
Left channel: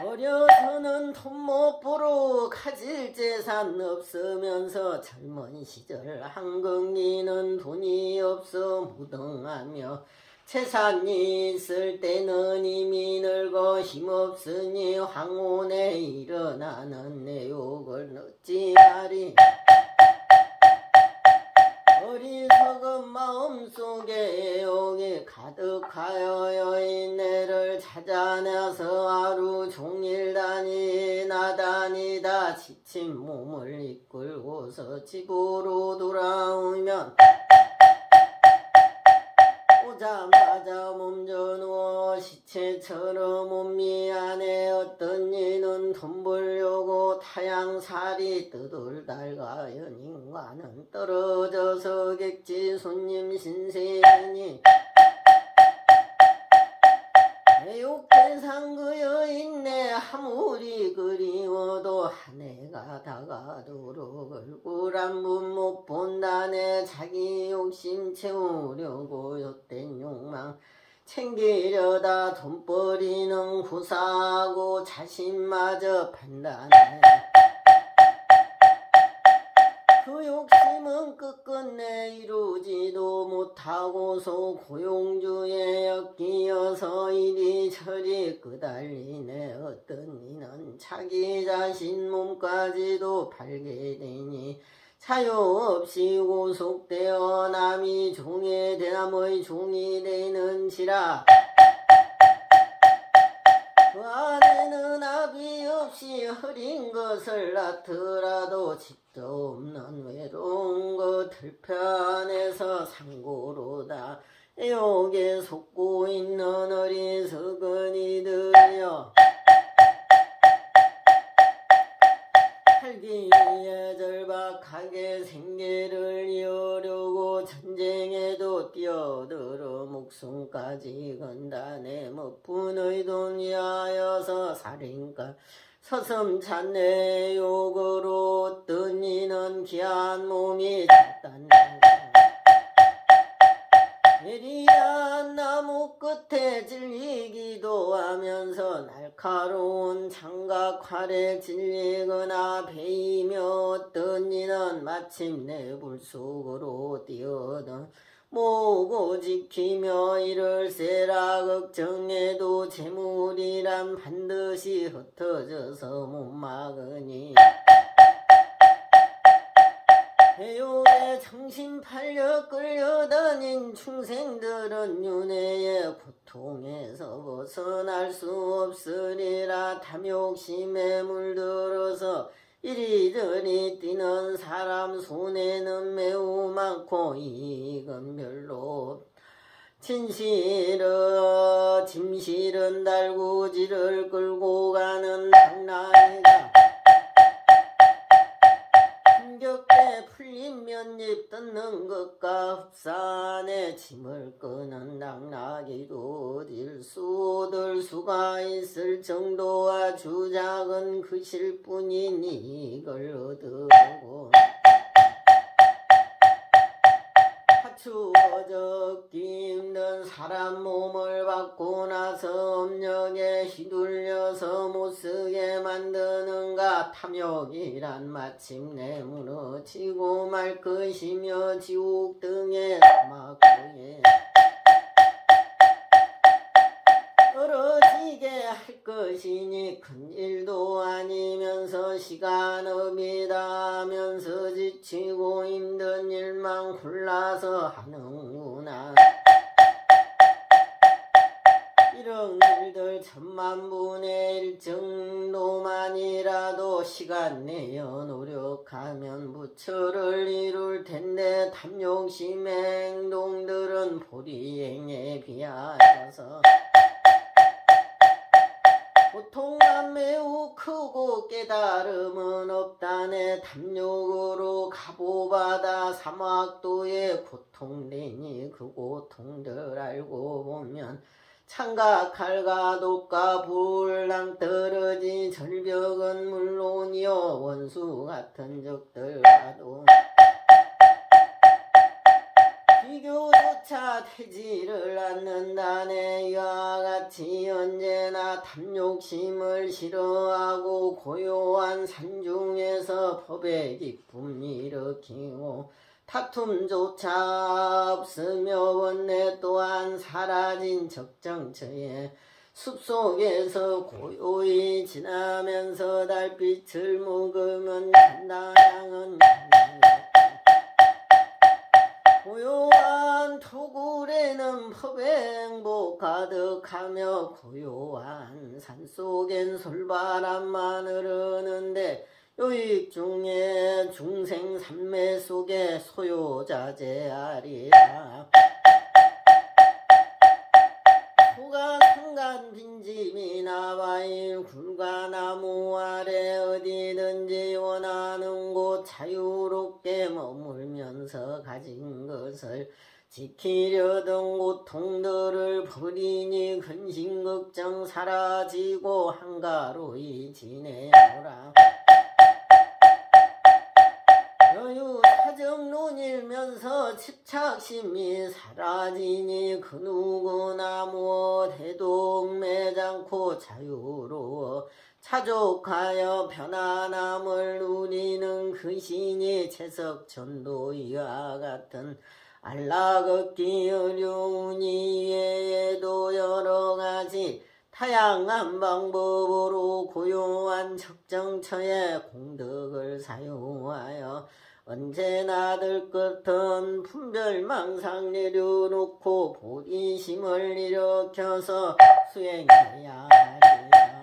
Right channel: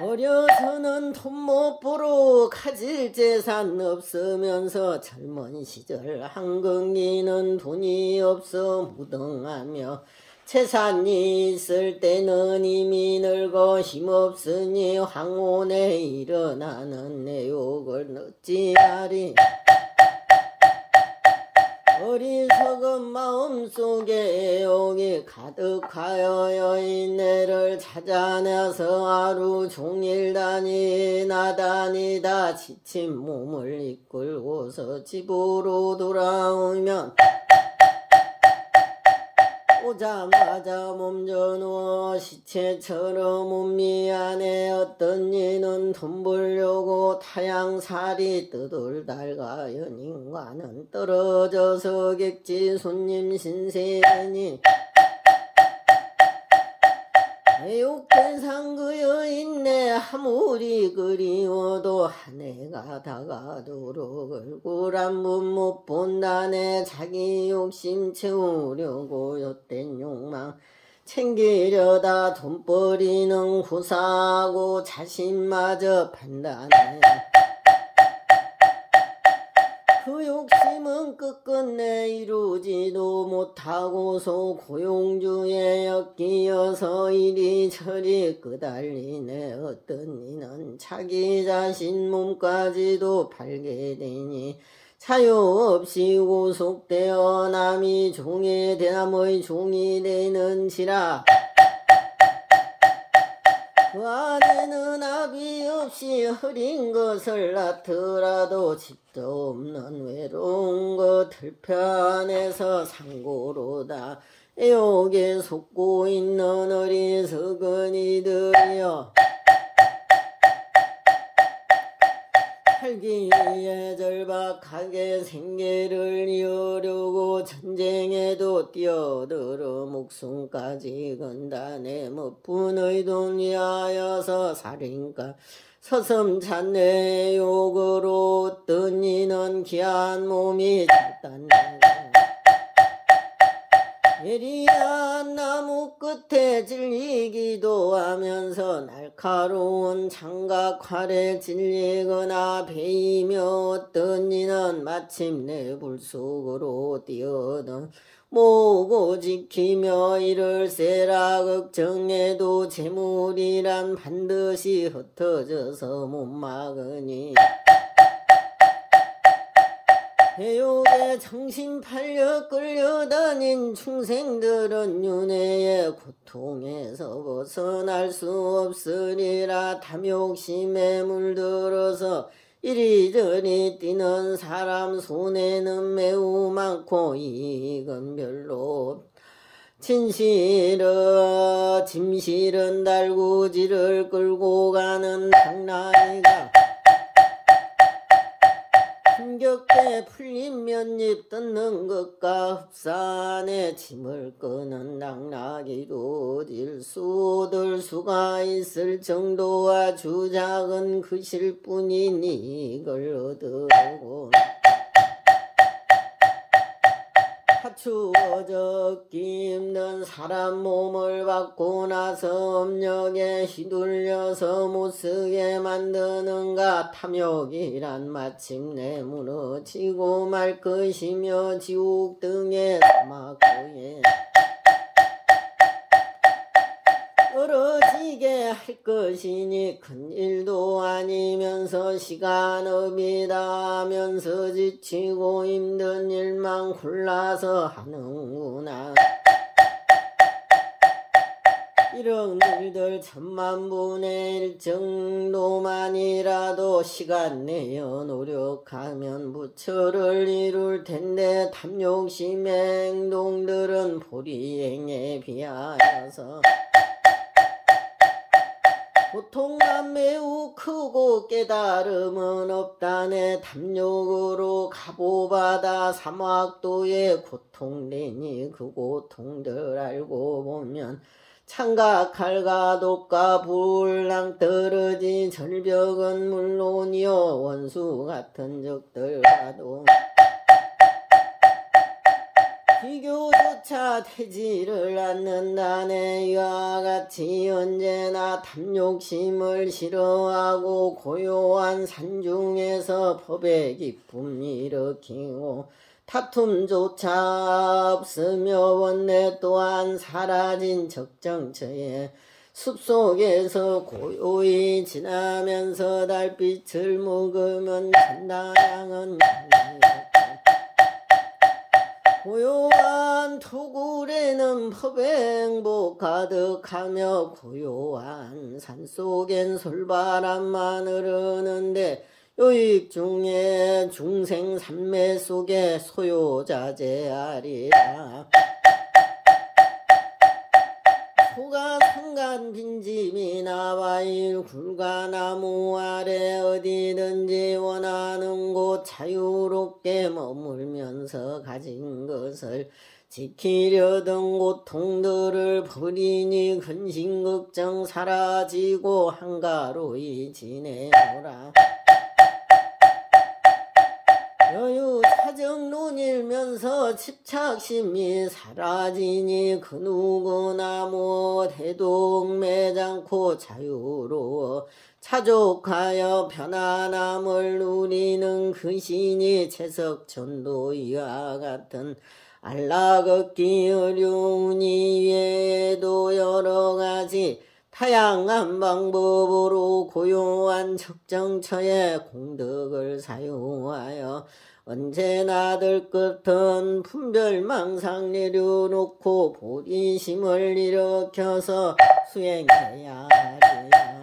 어려서는 돈 못 벌어 가질 재산 없으면서 젊은 시절 한긍기는 돈이 없어 무등하며 재산이 있을 때는 이미 늙어 힘없으니 황혼에 일어나는 내 욕을 어찌하리. 어리석은 마음속에 애욕이 가득하여 여인네를 찾아내서 하루 종일 다니다 지친 몸을 이끌고서 집으로 돌아오면 오자마자 몸져누워 시체처럼 몸미 안에 어떤 이는 돈 벌려고 타양살이 뜨들달가연 인간은 떨어져서 객지 손님 신세니 애욕대상 그 여인네 아무리 그리워도 한 해가 다가도록 얼굴 한 번 못 본다네. 자기 욕심 채우려고 옅된 욕망 챙기려다 돈벌이는 후사하고 자신마저 판단해. 그 욕심은 끝끝내 이루지도 못하고서 고용주에 엮이어서 이리저리 끄달리네. 어떤 이는 자기 자신 몸까지도 팔게 되니 자유 없이 구속되어 남이 종이 대나무의 종이 되는지라. 그 안에는 압이 없이 흐린 것을 낳더라도 집도 없는 외로운 것 들편에서 상고로다. 애욕에 속고 있는 어리석은 이들이여, 살기에 절박하게 생계를 이으려고 전쟁에도 뛰어들어 목숨까지 건다네. 못분의 돈 위하여서 살인가 서슴찬 욕으로 어떤 이는 귀한 몸이 잤단다. 예리한 나무 끝에 질리기도 하면서 날카로운 장각 활에 질리거나 베이며 어떤 이는 마침내 불속으로 뛰어든 모고 지키며 이를 세라. 걱정해도 재물이란 반드시 흩어져서 못 막으니 애욕에 정신 팔려 끌려다닌 중생들은 윤회의 고통에서 벗어날 수 없으리라. 탐욕심에 물들어서 이리저리 뛰는 사람 손에는 매우 많고 이익은 별로. 짐실은 달구지를 끌고 가는 당나귀가 힘겹게 풀린 면잎 뜯는 것과 흡산에 짐을 끄는 당나귀도 질수들 수가 있을 정도와 주작은 그실 뿐이니 이걸 얻으려고 갖추어졌기 힘든 사람 몸을 받고 나서 업력에 휘둘려서 못쓰게 만드는가. 탐욕이란 마침내 무너지고 말 것이며 지옥 등의 사막구에 떨어지게 할 것이니 큰일도 아니면서 시간업이다 하면서 지치고 힘든 일만 골라서 하는구나. 이런 일들 천만분의 일 정도만이라도 시간 내어 노력하면 부처를 이룰 텐데 탐욕심의 행동들은 보리행에 비하여서 고통만 매우 크고 깨달음은 없다네. 탐욕으로 가보바다 사막도에 고통되니 그 고통들 알고 보면 창각할가 독가 불랑 떨어진 절벽은 물론이요 원수 같은 적들과도 비교조차 되지를 않는다네. 이와 같이 언제나 탐욕심을 싫어하고 고요한 산중에서 법의 기쁨 일으키고 다툼조차 없으며 원래 또한 사라진 적정처에 숲속에서 고요히 지나면서 달빛을 묵으면 천당은 고요한 토굴에는 법의 행복 가득하며 고요한 산속엔 솔바람만 흐르는데 요익 중에 중생 삼매 속에 소요자재하리라. 소가 상간 빈집이 나와일 굴가나무 아래 어디든지 원하는 곳 자유롭게 머물면서 가진 것을 지키려던 고통들을 버리니 근심걱정 사라지고 한가로이 지내노라. 여유 사정 눈일면서 집착심이 사라지니 그 누구나 못해도 얽매장고 자유로워 차족하여 편안함을 누리는 그 신이 채석천도 이와 같은 안락걷기 어려우니 외에도 여러가지 다양한 방법으로 고요한 적정처에 공덕을 사용하여 언제나 들끝은 분별망상 내려놓고 보리심을 일으켜서 수행해야 하리라.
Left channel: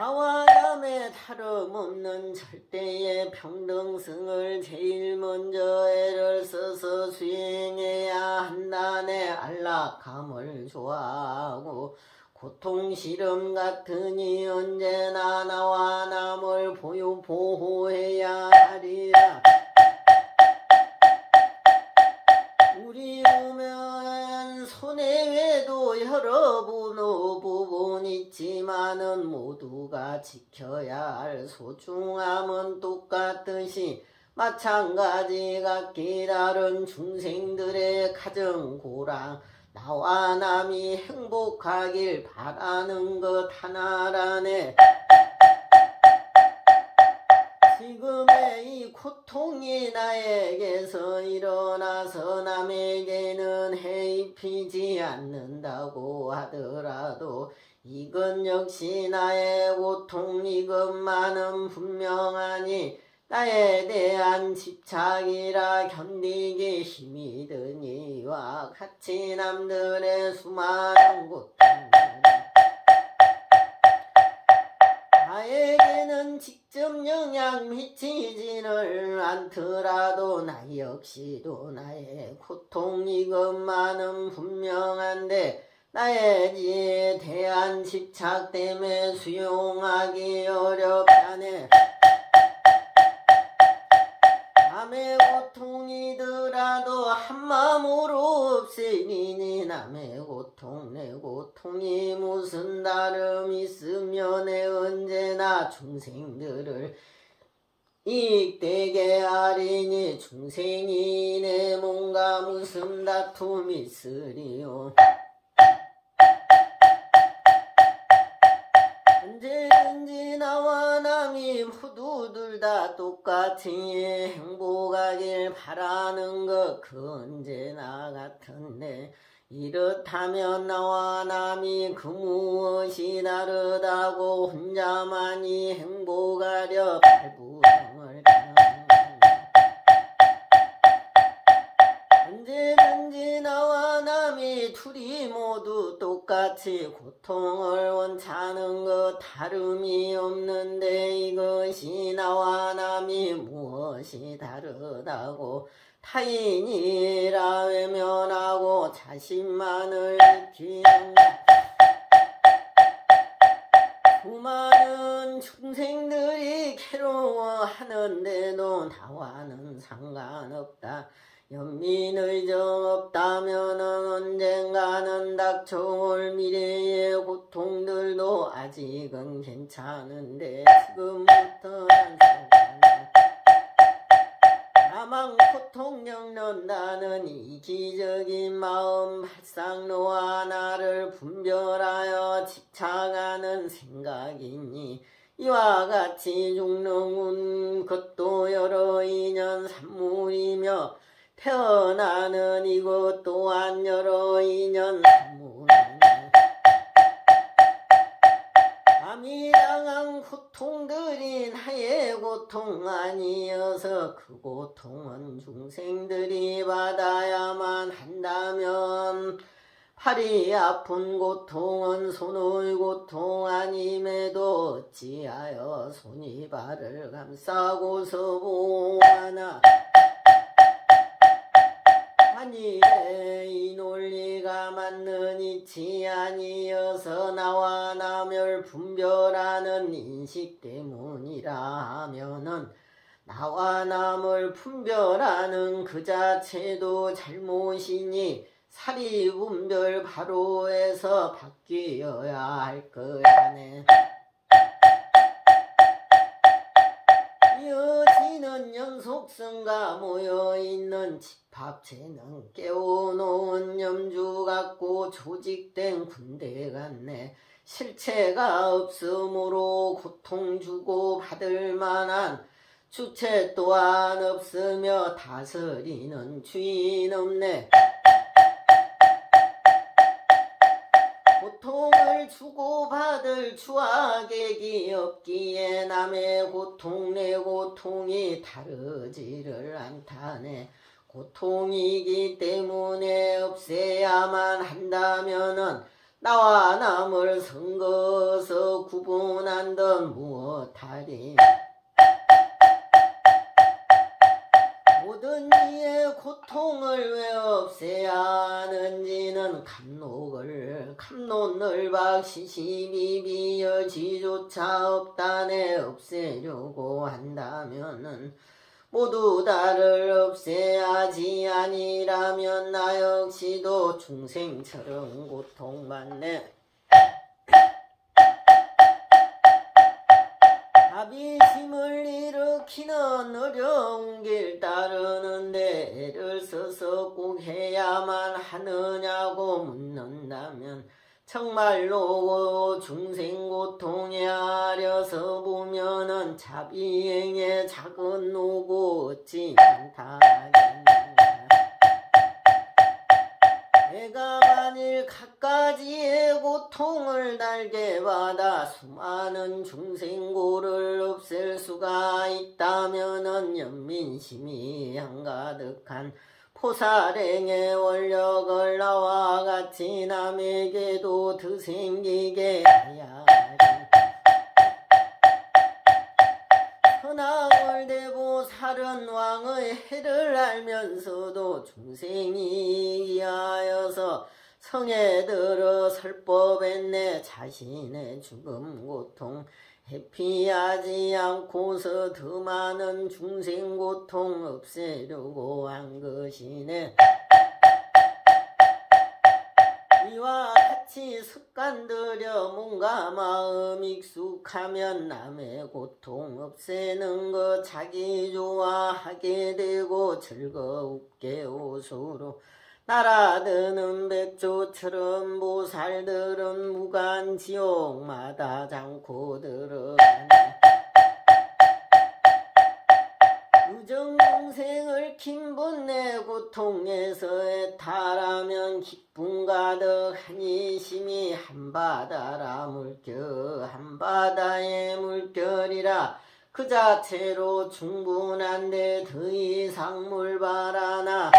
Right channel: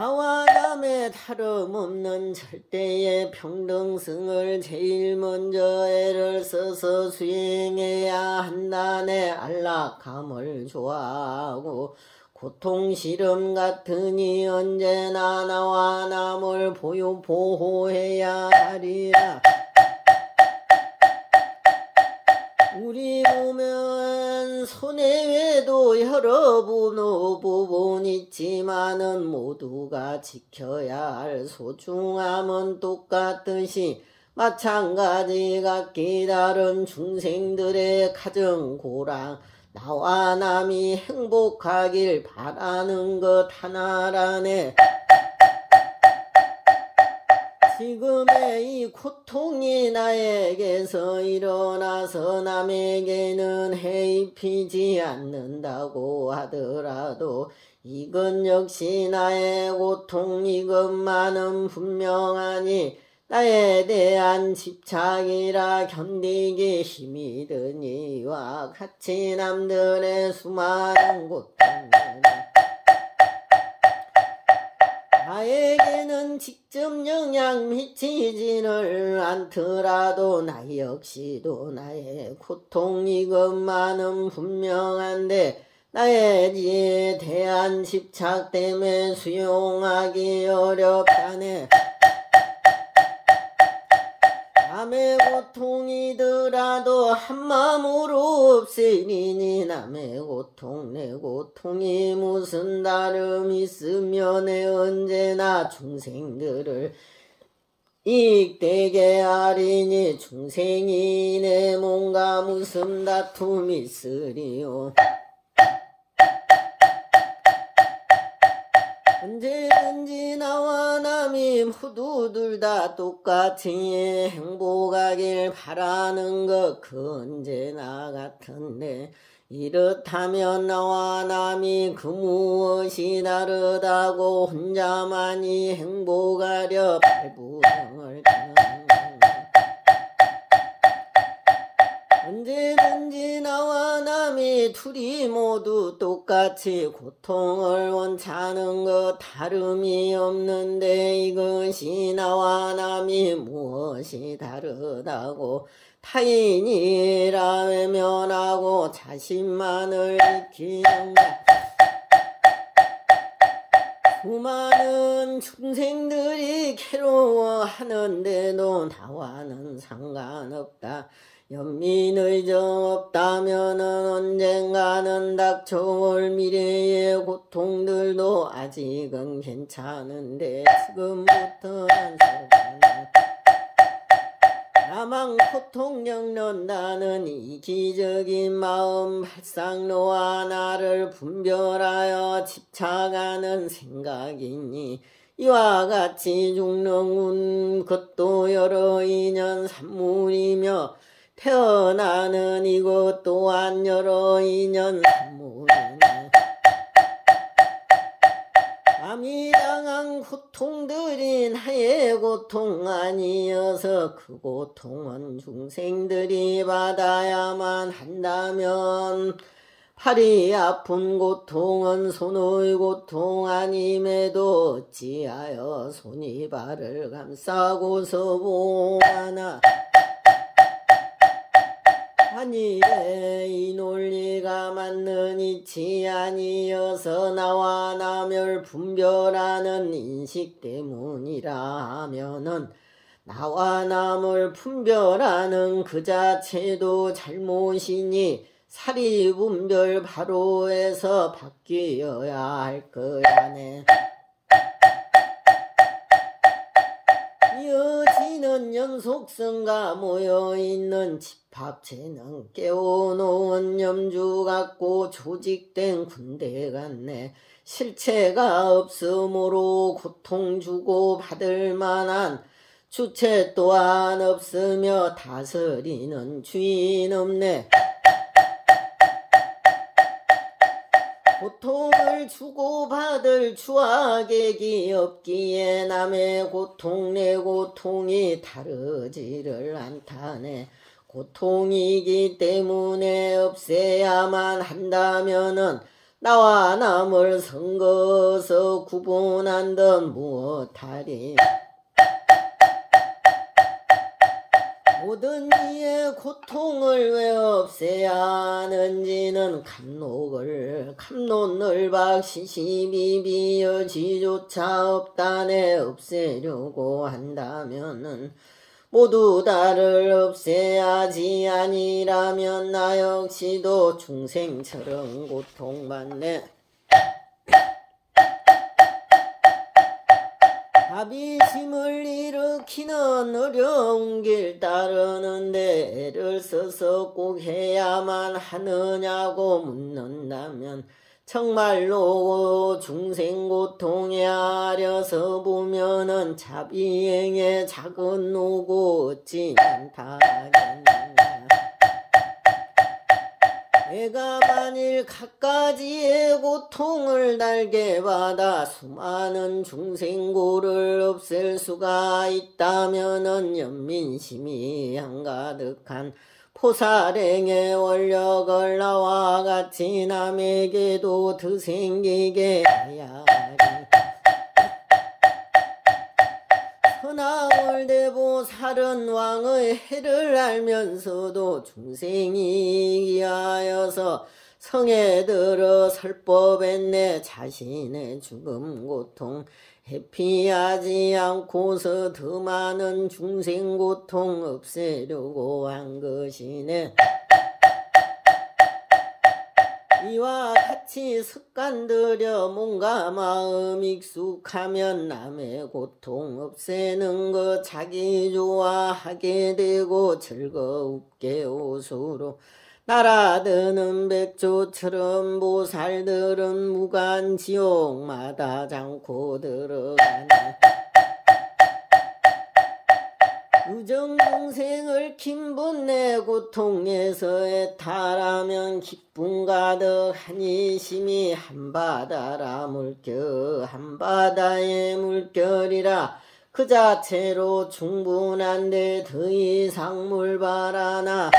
나와 남의 다름없는 절대의 평등성을 제일 먼저 애를 써서 수행해야 한다네. 안락함을 좋아하고 고통 시름 같으니 언제나 나와 남을 보호해야 하리라. 우리 보면 손해외도 여러 부분 있지만은 모두가 지켜야 할 소중함은 똑같듯이 마찬가지 각기 다른 중생들의 가정고랑 나와 남이 행복하길 바라는 것 하나라네. 지금의 이 고통이 나에게서 일어나서 남에게는 해입히지 않는다고 하더라도 이건 역시 나의 고통, 이것만은 분명하니 나에 대한 집착이라 견디기 힘이 드니와 같이 남들의 수많은 고통을 나에게는 직접 영향 미치지를 않더라도 나 역시도 나의 고통 이것만은 분명한데 나에 대한 집착 때문에 수용하기 어렵다네. 남의 고통이더라도 한마음으로 없애리니 남의 고통 내 고통이 무슨 다름 있으며 내 언제나 중생들을 이익되게 하리니 중생이 내 몸과 무슨 다툼 있으리요. 언제든지 나와 남이 모두들 다 똑같이 행복하길 바라는 것 그 언제나 같은데 이렇다면 나와 남이 그 무엇이 다르다고 혼자만이 행복하려 발부정을 언제든지 나와 남이 둘이 모두 똑같이 고통을 원하는 것 다름이 없는데 이것이 나와 남이 무엇이 다르다고 타인이라 외면하고 자신만을 지키는 것. 수많은 중생들이 괴로워하는데도 나와는 상관없다. 연민의 정 없다면은 언젠가는 닥쳐올 미래의 고통들도 아직은 괜찮은데 지금부터는 사망 고통 겪는다는 이기적인 마음 발상로와 나를 분별하여 집착하는 생각이니 이와 같이 죽는 것도 여러 인연 산물이며 태어나는 이것 또한 여러 인연 산물이네. 남이 당한 고통들이 나의 고통 아니어서 그 고통은 중생들이 받아야만 한다면 팔이 아픈 고통은 손의 고통 아님에도 어찌하여 손이 발을 감싸고서 보아나. 아니래 이 논리가 맞는 이치 아니어서 나와 남을 분별하는 인식 때문이라 하면은 나와 남을 분별하는 그 자체도 잘못이니 사리분별 바로에서 바뀌어야 할 거야네. 이어지는 연속성과 모여있는 집합체는 깨워놓은 염주 같고 조직된 군대 같네. 실체가 없으므로 고통 주고 받을 만한 주체 또한 없으며 다스리는 주인 없네. 고통을 주고받을 주악객이 없기에 남의 고통 내 고통이 다르지를 않다네. 고통이기 때문에 없애야만 한다면은 나와 남을 선거서 구분한던 무엇하리. 모든 이의 고통을 왜 없애야 하는지는 감론을박 시시비비 여지조차 없다네. 없애려고 한다면은 모두 다를 없애야지. 아니라면 나 역시도 중생처럼 고통받네. 자비심을 일으키는 어려운 길 따르는데 애를 써서 꼭 해야만 하느냐고 묻는다면 정말로 중생고통에 아려서 보면은 자비행의 작은 노고 어찌 많다겠는가. 내가 만일 갖가지의 고통을 달게 받아 수많은 중생고를 없앨 수가 있다면은 연민심이 한가득한 포사랭의 원력을 나와 같이 남에게도 더 생기게 해야 하리. 천하월대보 살은왕의 해를 알면서도 중생이 이하여서 성에 들어 설법했네. 자신의 죽음 고통 회피하지 않고서 더 많은 중생 고통 없애려고 한 것이네. 이와 같이 습관들여 몸과 마음 익숙하면 남의 고통 없애는 것 자기 좋아하게 되고 즐겁게 옷으로 날아드는 백조처럼 보살들은 무간지옥마다 않고 들어가네. 유정동생을 긴 분내 고통에서 애탈하면 기쁨 가득한 이 심이 한바다라 물결 한바다의 물결이라 그 자체로 충분한데 더 이상 뭘 바라나.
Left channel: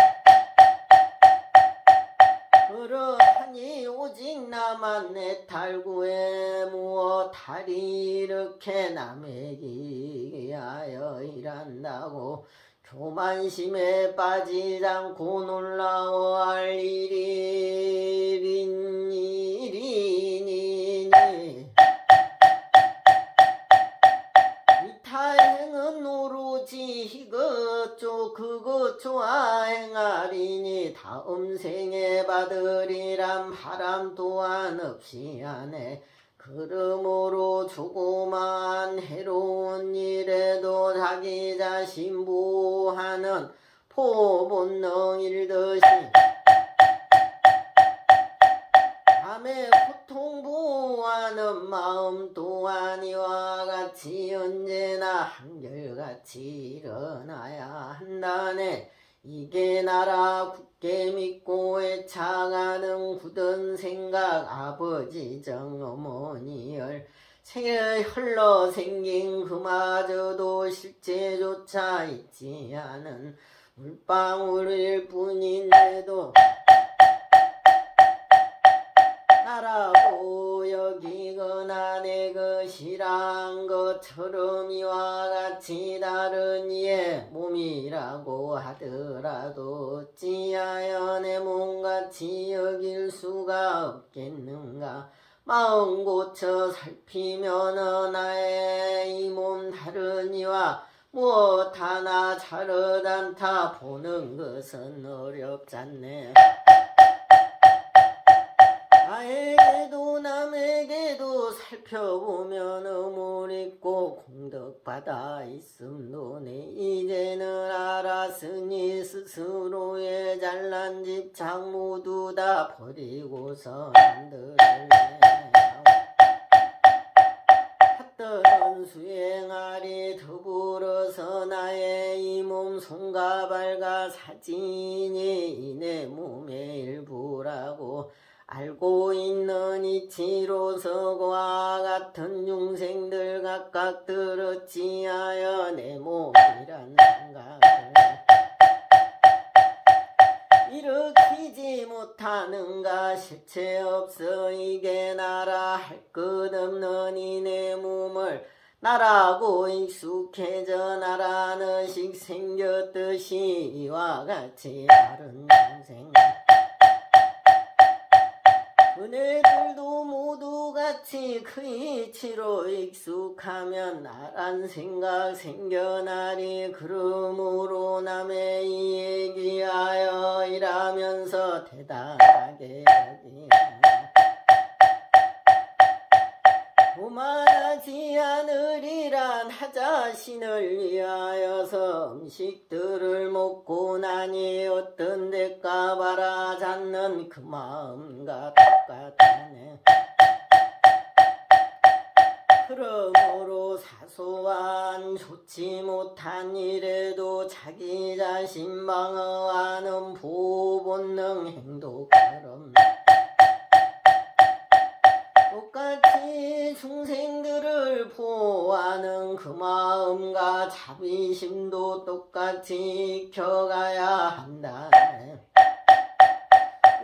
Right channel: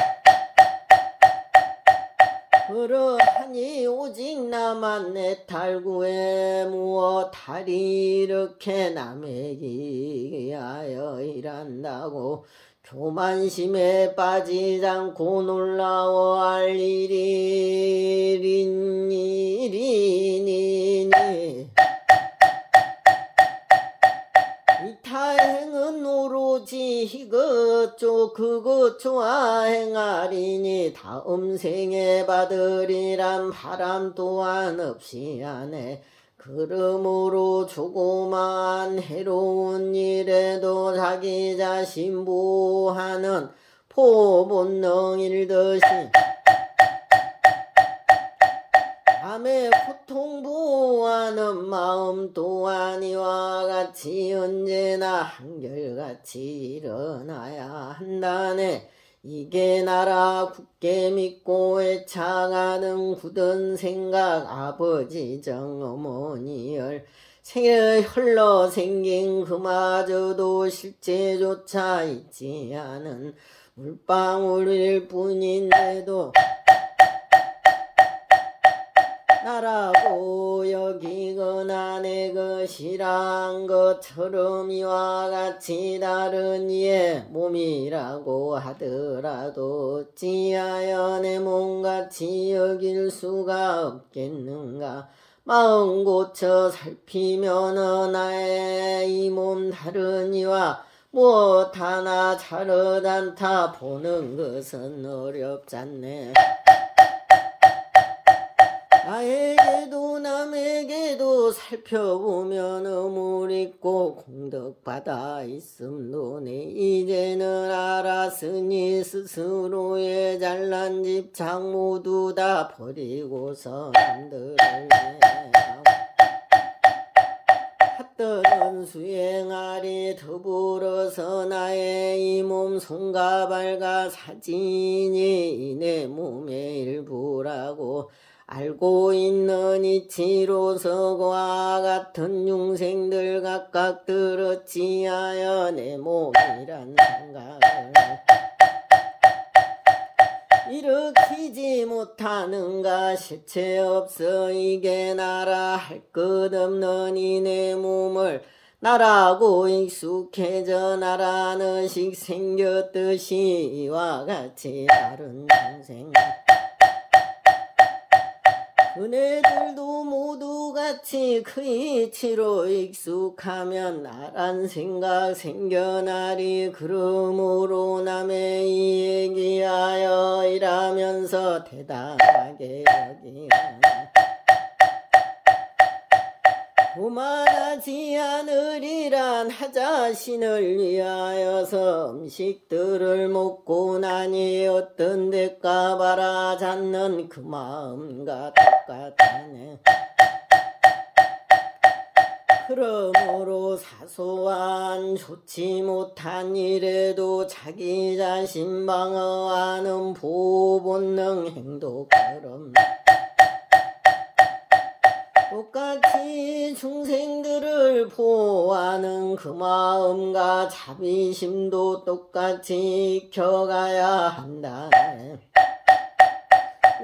그러하니 오직 나만 내 탈구에 무엇하리. 이렇게 남에게 위하여 일한다고 교만심에 빠지지 않고 놀라워할 일이니. 이 타행은 오로지 이것저 그것저와 행하리니 다음 생에 받으리란 바람 또한 없이 하네. 그러므로 조그만 해로운 일에도 자기 자신 보호하는 포본능일 듯이 남의 고통 보호하는 마음 또한 이와 같이 언제나 한결같이 일어나야 한다네. 이게 나라 굳게 믿고 애착하는 굳은 생각 아버지 정 어머니열 생에 흘러 생긴 그마저도 실제조차 있지 않은 물방울일 뿐인데도 나라고 여기거나 내 것이란 것처럼 이와 같이 다른 이의 몸이라고 하더라도 어찌하여 내 몸같이 여길 수가 없겠는가. 마음 고쳐 살피면 나의 이 몸 다른 이와 무엇 하나 다르단타 보는 것은 어렵잖네. 나에게도 남에게도 살펴보면 어물 있고 공덕받아 있음도 내 이제는 알았으니 스스로의 잘난 집착 모두 다 버리고서 한들을 핫들은 수행하리. 더불어서 나의 이 몸 손과 발과 사진이 내 몸의 일부라고 알고 있는 이치로서 그와 같은 중생들 각각 들었지하여 내 몸이란 생각을 일으키지 못하는가. 실체 없어 이게 나라 할 것 없는 이 내 몸을 나라고 익숙해져 나라는 식 생겼듯이 이와 같이 다른 중생 그네들도 모두 같이 그 이치로 익숙하면 나란 생각 생겨나리. 그러므로 남의 이 얘기하여 이라면서 대단하게 여기하나 오만하지 않으리란 하 자신을 위하여서 음식들을 먹고 나니 어떤 대가 바라지 않는 그 마음과 똑같네. 그러므로 사소한 좋지 못한 일에도 자기 자신 방어하는 보본능 행동처럼 똑같이 중생들을 보호하는 그 마음과 자비심도 똑같이 익혀가야 한다.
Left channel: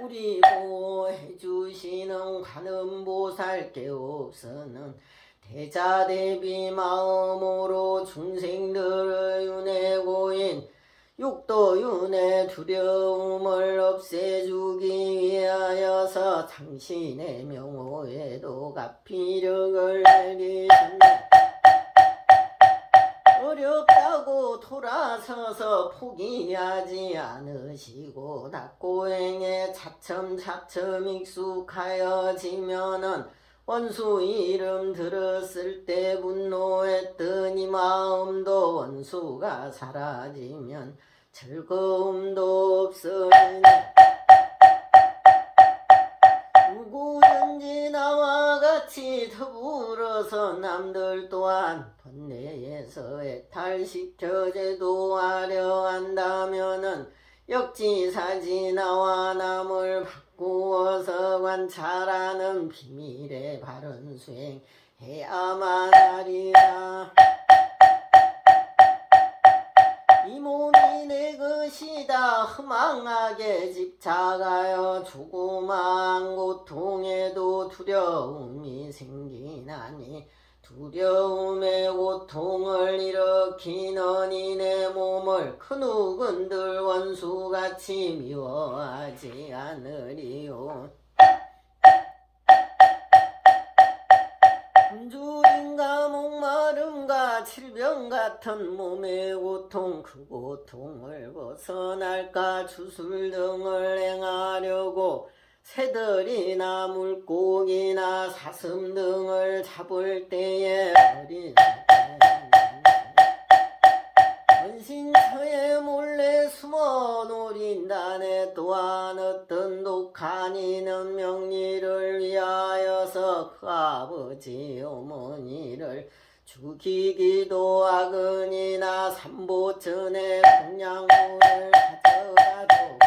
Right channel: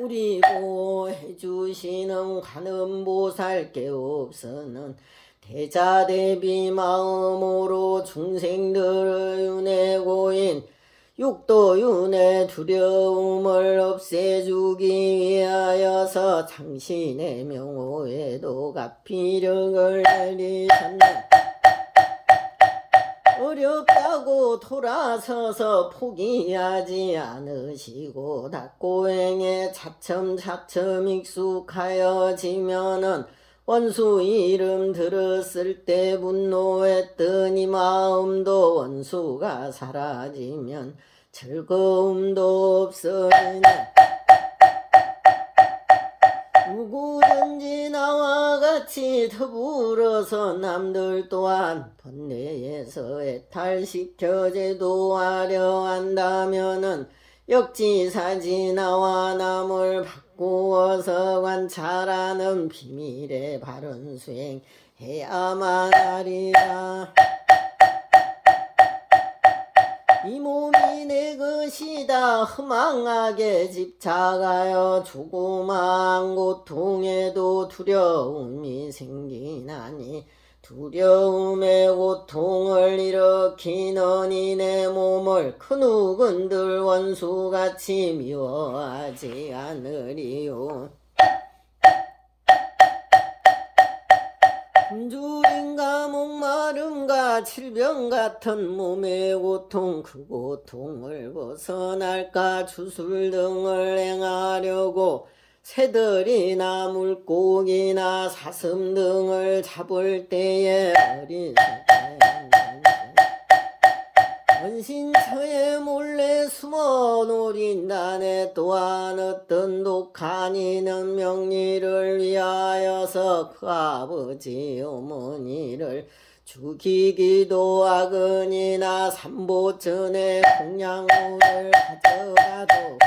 우리 보호해주시는 관음보살께 없어는 대자대비 마음으로 중생들의 윤회고인 육도윤의 두려움을 없애주기 위하여서 당신의 명호에도 가피력을 내리셨네. 어렵다고 돌아서서 포기하지 않으시고 닭고행에 차츰차츰 익숙하여지면은 원수 이름 들었을 때 분노했던 이 마음도 원수가 사라지면 즐거움도 없어지네. 누구든지 나와 같이 더불어서 남들 또한 번뇌에서 해탈시켜 제도하려 한다면은 역지사지 나와 남을 바꾸어서 관찰하는 비밀의 바른 수행해야만 하리라. 이 몸이 내 것이다 허망하게 집착하여 조그마한 고통에도 두려움이 생기나니 두려움의 고통을 일으키는 이 내 몸을 그 누군들 원수같이 미워하지 않으리요. 굶주림과 목마름과 질병 같은 몸의 고통 그 고통을 벗어날까 주술 등을 행하려고 새들이나 물고기나 사슴 등을 잡을 때에 원신처에 몰래 숨어 노린다네. 또한 어떤 독한 이는 명리를 위하여서 그 아버지 어머니를 죽이기도 하거니나 삼보전에 공양물을 가져가도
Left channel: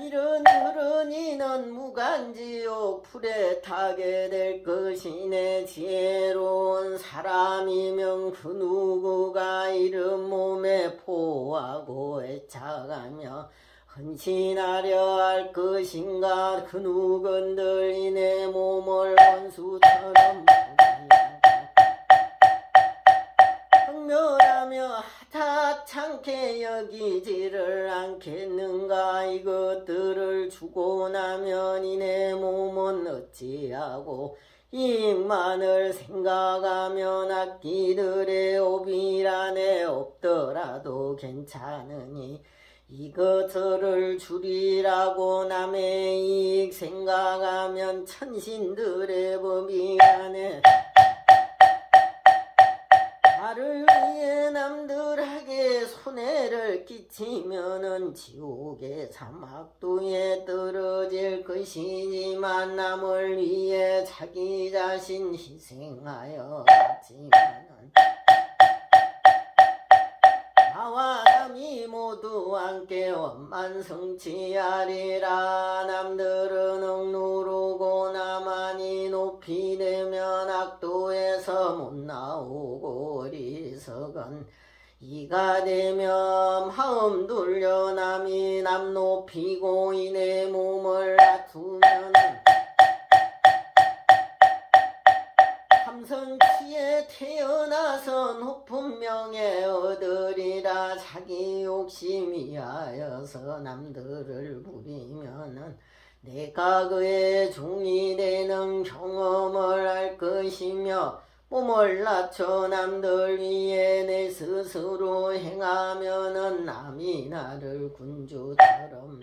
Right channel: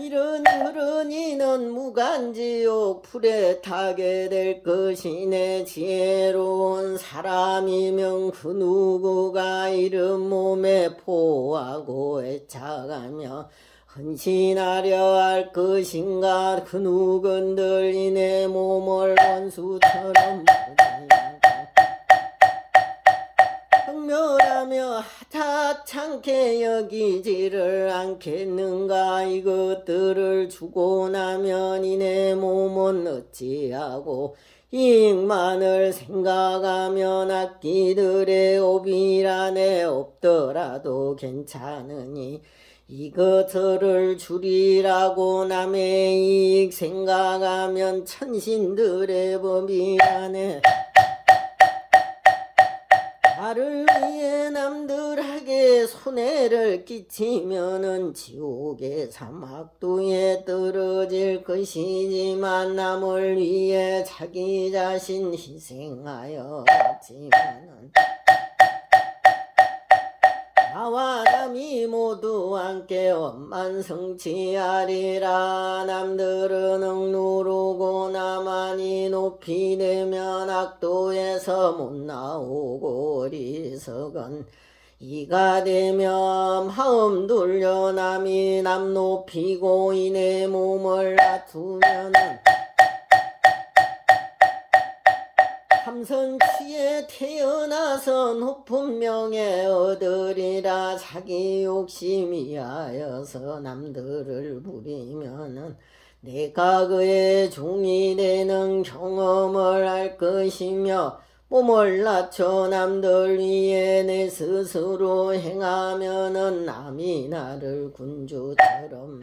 이런 그런 이는 무간지옥 불에 타게 될 것이네. 지혜로운 사람이면 그 누구가 이런 몸에 포하고 애착하며 헌신하려 할 것인가. 그 누군들이 내 몸을 원수처럼 경멸하며 하찮게 여기지를 않겠는가. 이것들을 주고 나면 이 내 몸은 어찌하고 이익만을 생각하면 악기들의 오비란에 없더라도 괜찮으니 이것들을 줄이라고 남의 이익 생각하면 천신들의 법이란에 나를 위해 남들에게 손해를 끼치면은 지옥의 사막도에 떨어질 것이지만 남을 위해 자기 자신 희생하여 갔지만은 나와 남이 모두 함께 원만성취하리라. 남들은 억누르고 나만이 높이 되면 악도에서 못 나오고 어리석은 이가 되면 마음 돌려 남이 남 높이고 이 내 몸을 낮추면은 삼선치에 태어나서 높은 명예 얻으리라. 자기 욕심이 하여서 남들을 부리면은 내가 그의 종이 되는 경험을 할 것이며 몸을 낮춰 남들 위해 내 스스로 행하면은 남이 나를 군주처럼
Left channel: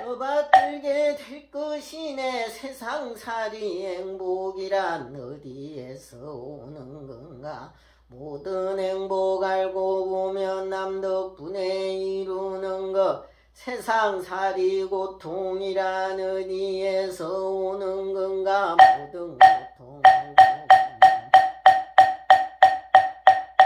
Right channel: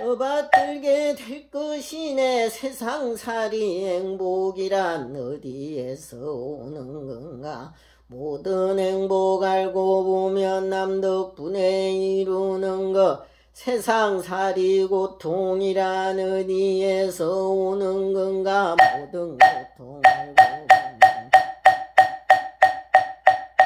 떠받들게 될 것이네. 세상살이 행복이란 어디에서 오는 건가. 모든 행복 알고 보면 남 덕분에 이루는 것. 세상살이 고통이란 어디에서 오는 건가. 모든 고통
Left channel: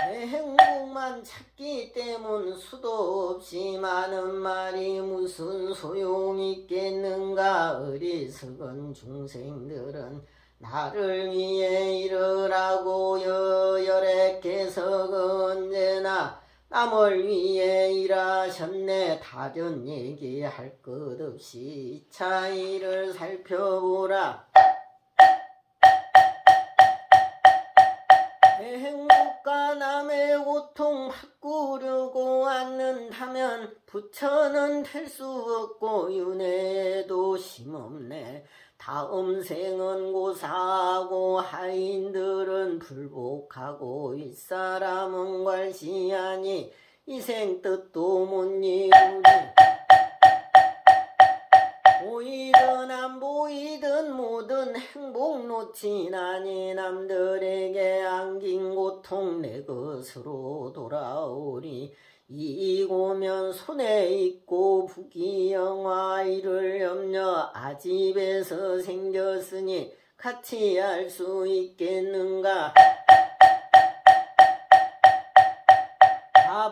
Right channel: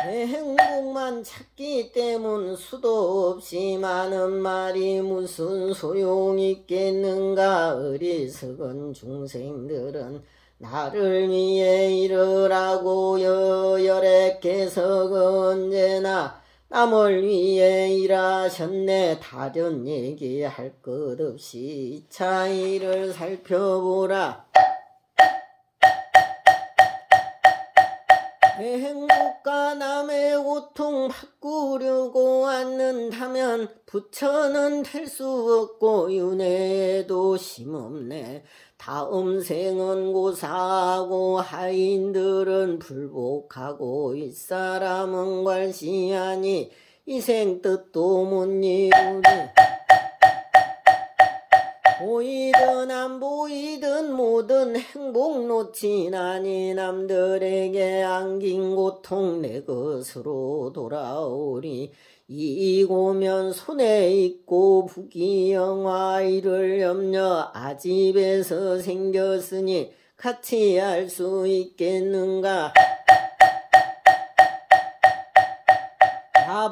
내 행복만 찾기 때문 수도 없이 많은 말이 무슨 소용이 있겠는가. 어리석은 중생들은 나를 위해 이르라고 여열했께서 언제나 남을 위해 일하셨네. 다른 얘기할 것 없이 이 차이를 살펴보라. 내 행복과 남의 고통 바꾸려고 않는다면 부처는 될 수 없고 윤회에도 힘없네. 다음 생은 고사하고 하인들은 불복하고 윗사람은 괄시하니 이생 뜻도 못 이루니 보이든 안 보이든 모든 행복 놓치나니 남들에게 안긴 고통 내 것으로 돌아오리. 이익 오면 손에 있고 부귀영화 이를 염려 아집에서 생겼으니 같이 할 수 있겠는가.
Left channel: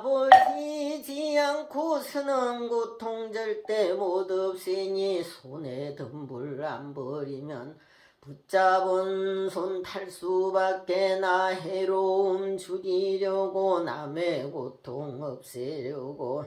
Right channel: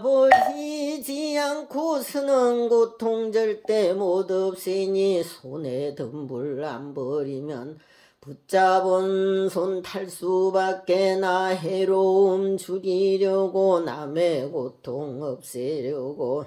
버리지 않고 쓰는 고통 절대 못 없으니 손에 든 불 안 버리면 붙잡은 손 탈 수밖에. 나 해로움 죽이려고 남의 고통 없애려고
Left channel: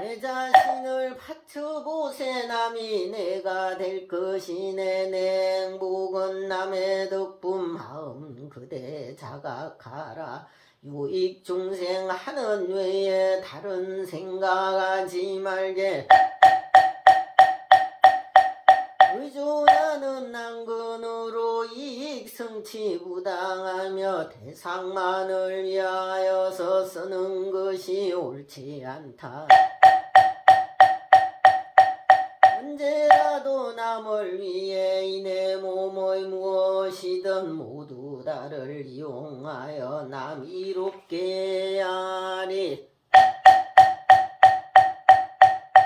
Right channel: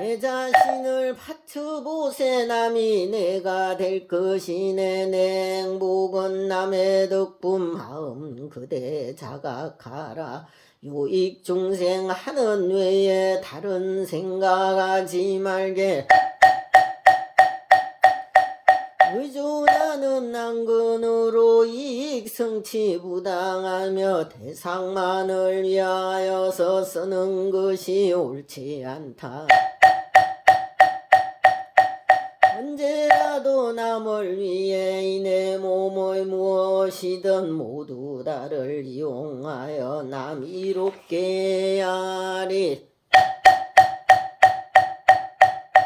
내 자신을 바쳐보세. 남이 내가 될 것이네. 내 행복은 남의 덕분 마음 그대 자각하라. 유익 중생 하는 외에 다른 생각하지 말게. 의존하는 난근으로 이익 성취 부당하며 대상만을 위하여서 쓰는 것이 옳지 않다. 언제라도 남을 위해 이 내 몸의 무엇이든 모두 다를 이용하여 남 이롭게 하리.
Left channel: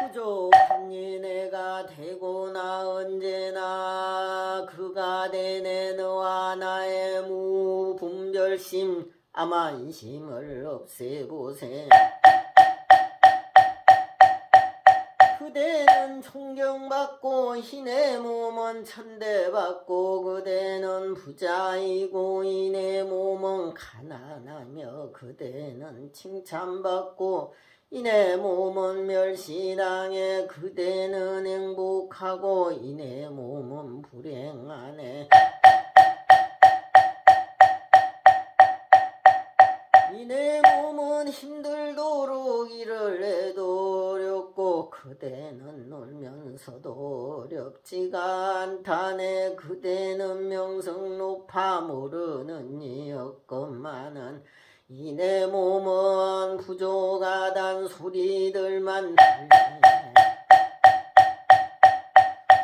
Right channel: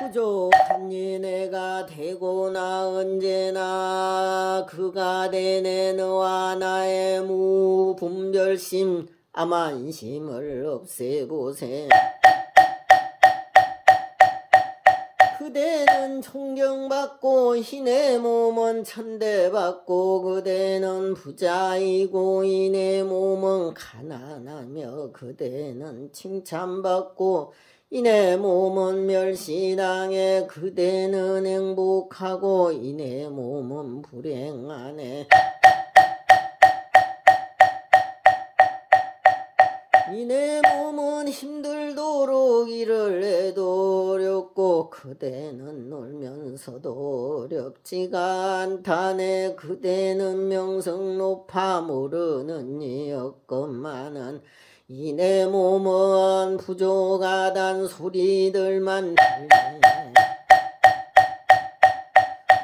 부족한 이 내가 되고 나 언제나 그가 되네. 너와 나의 무분별심 암안심을 없애보세. 그대는 존경받고 이내 몸은 천대받고 그대는 부자이고 이내 몸은 가난하며 그대는 칭찬받고 이내 몸은 멸시당해 그대는 행복하고 이내 몸은 불행하네. 이내 몸은 힘들도록 일을 해도 어렵고 그대는 놀면서도 어렵지가 않다네. 그대는 명성 높아 모르는 이 없건만은 이내 몸은 부족하단 소리들만 들리네.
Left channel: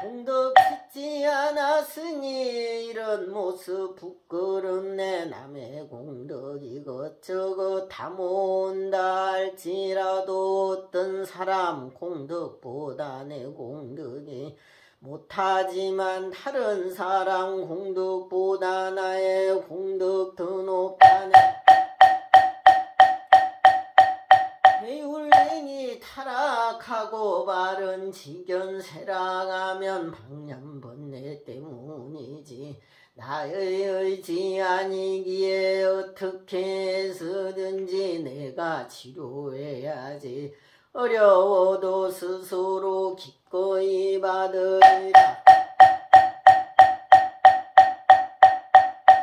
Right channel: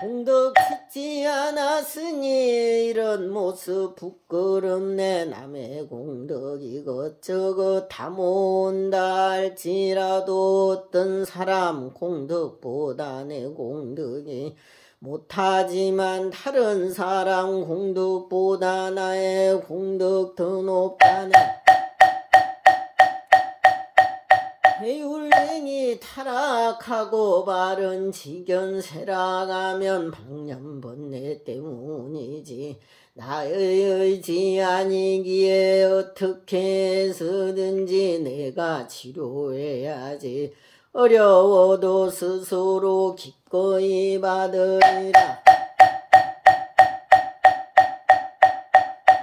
공덕 짓지 않았으니 이런 모습 부끄럽네. 남의 공덕 이것저것 다 모은다 할지라도 어떤 사람 공덕보다 내 공덕이 못하지만 다른 사람 공덕보다 나의 공덕 더 높다네. 배울랭이 타락하고 바른 지견세락하면 방념번뇌 때문이지 나의 의지 아니기에 어떻게 해서든지 내가 치료해야지. 어려워도 스스로 기꺼이 받으리라.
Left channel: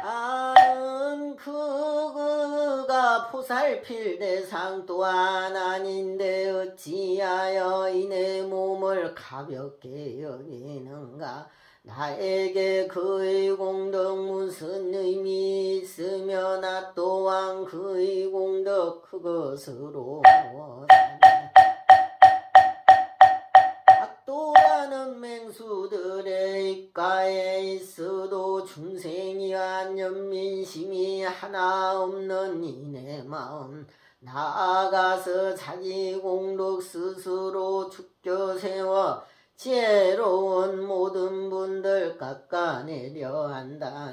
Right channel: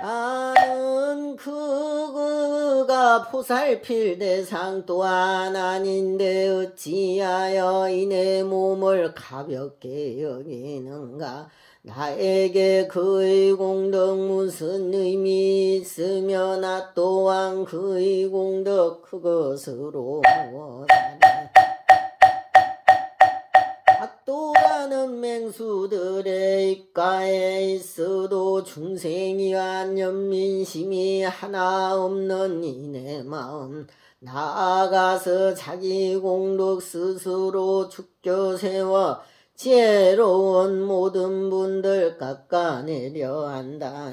나는 그가 보살필 대상 또한 아닌데 어찌하여 이내 몸을 가볍게 여기는가. 나에게 그의 공덕 무슨 의미 있으며 나 또한 그의 공덕 그것으로 원하네. 악도라는 맹수들의 입가에 있어도 중생이 안연민심이 하나 없는 이내 마음 나아가서 자기 공덕 스스로 죽겨 세워 지혜로운 모든 분들 깎아내려 한다.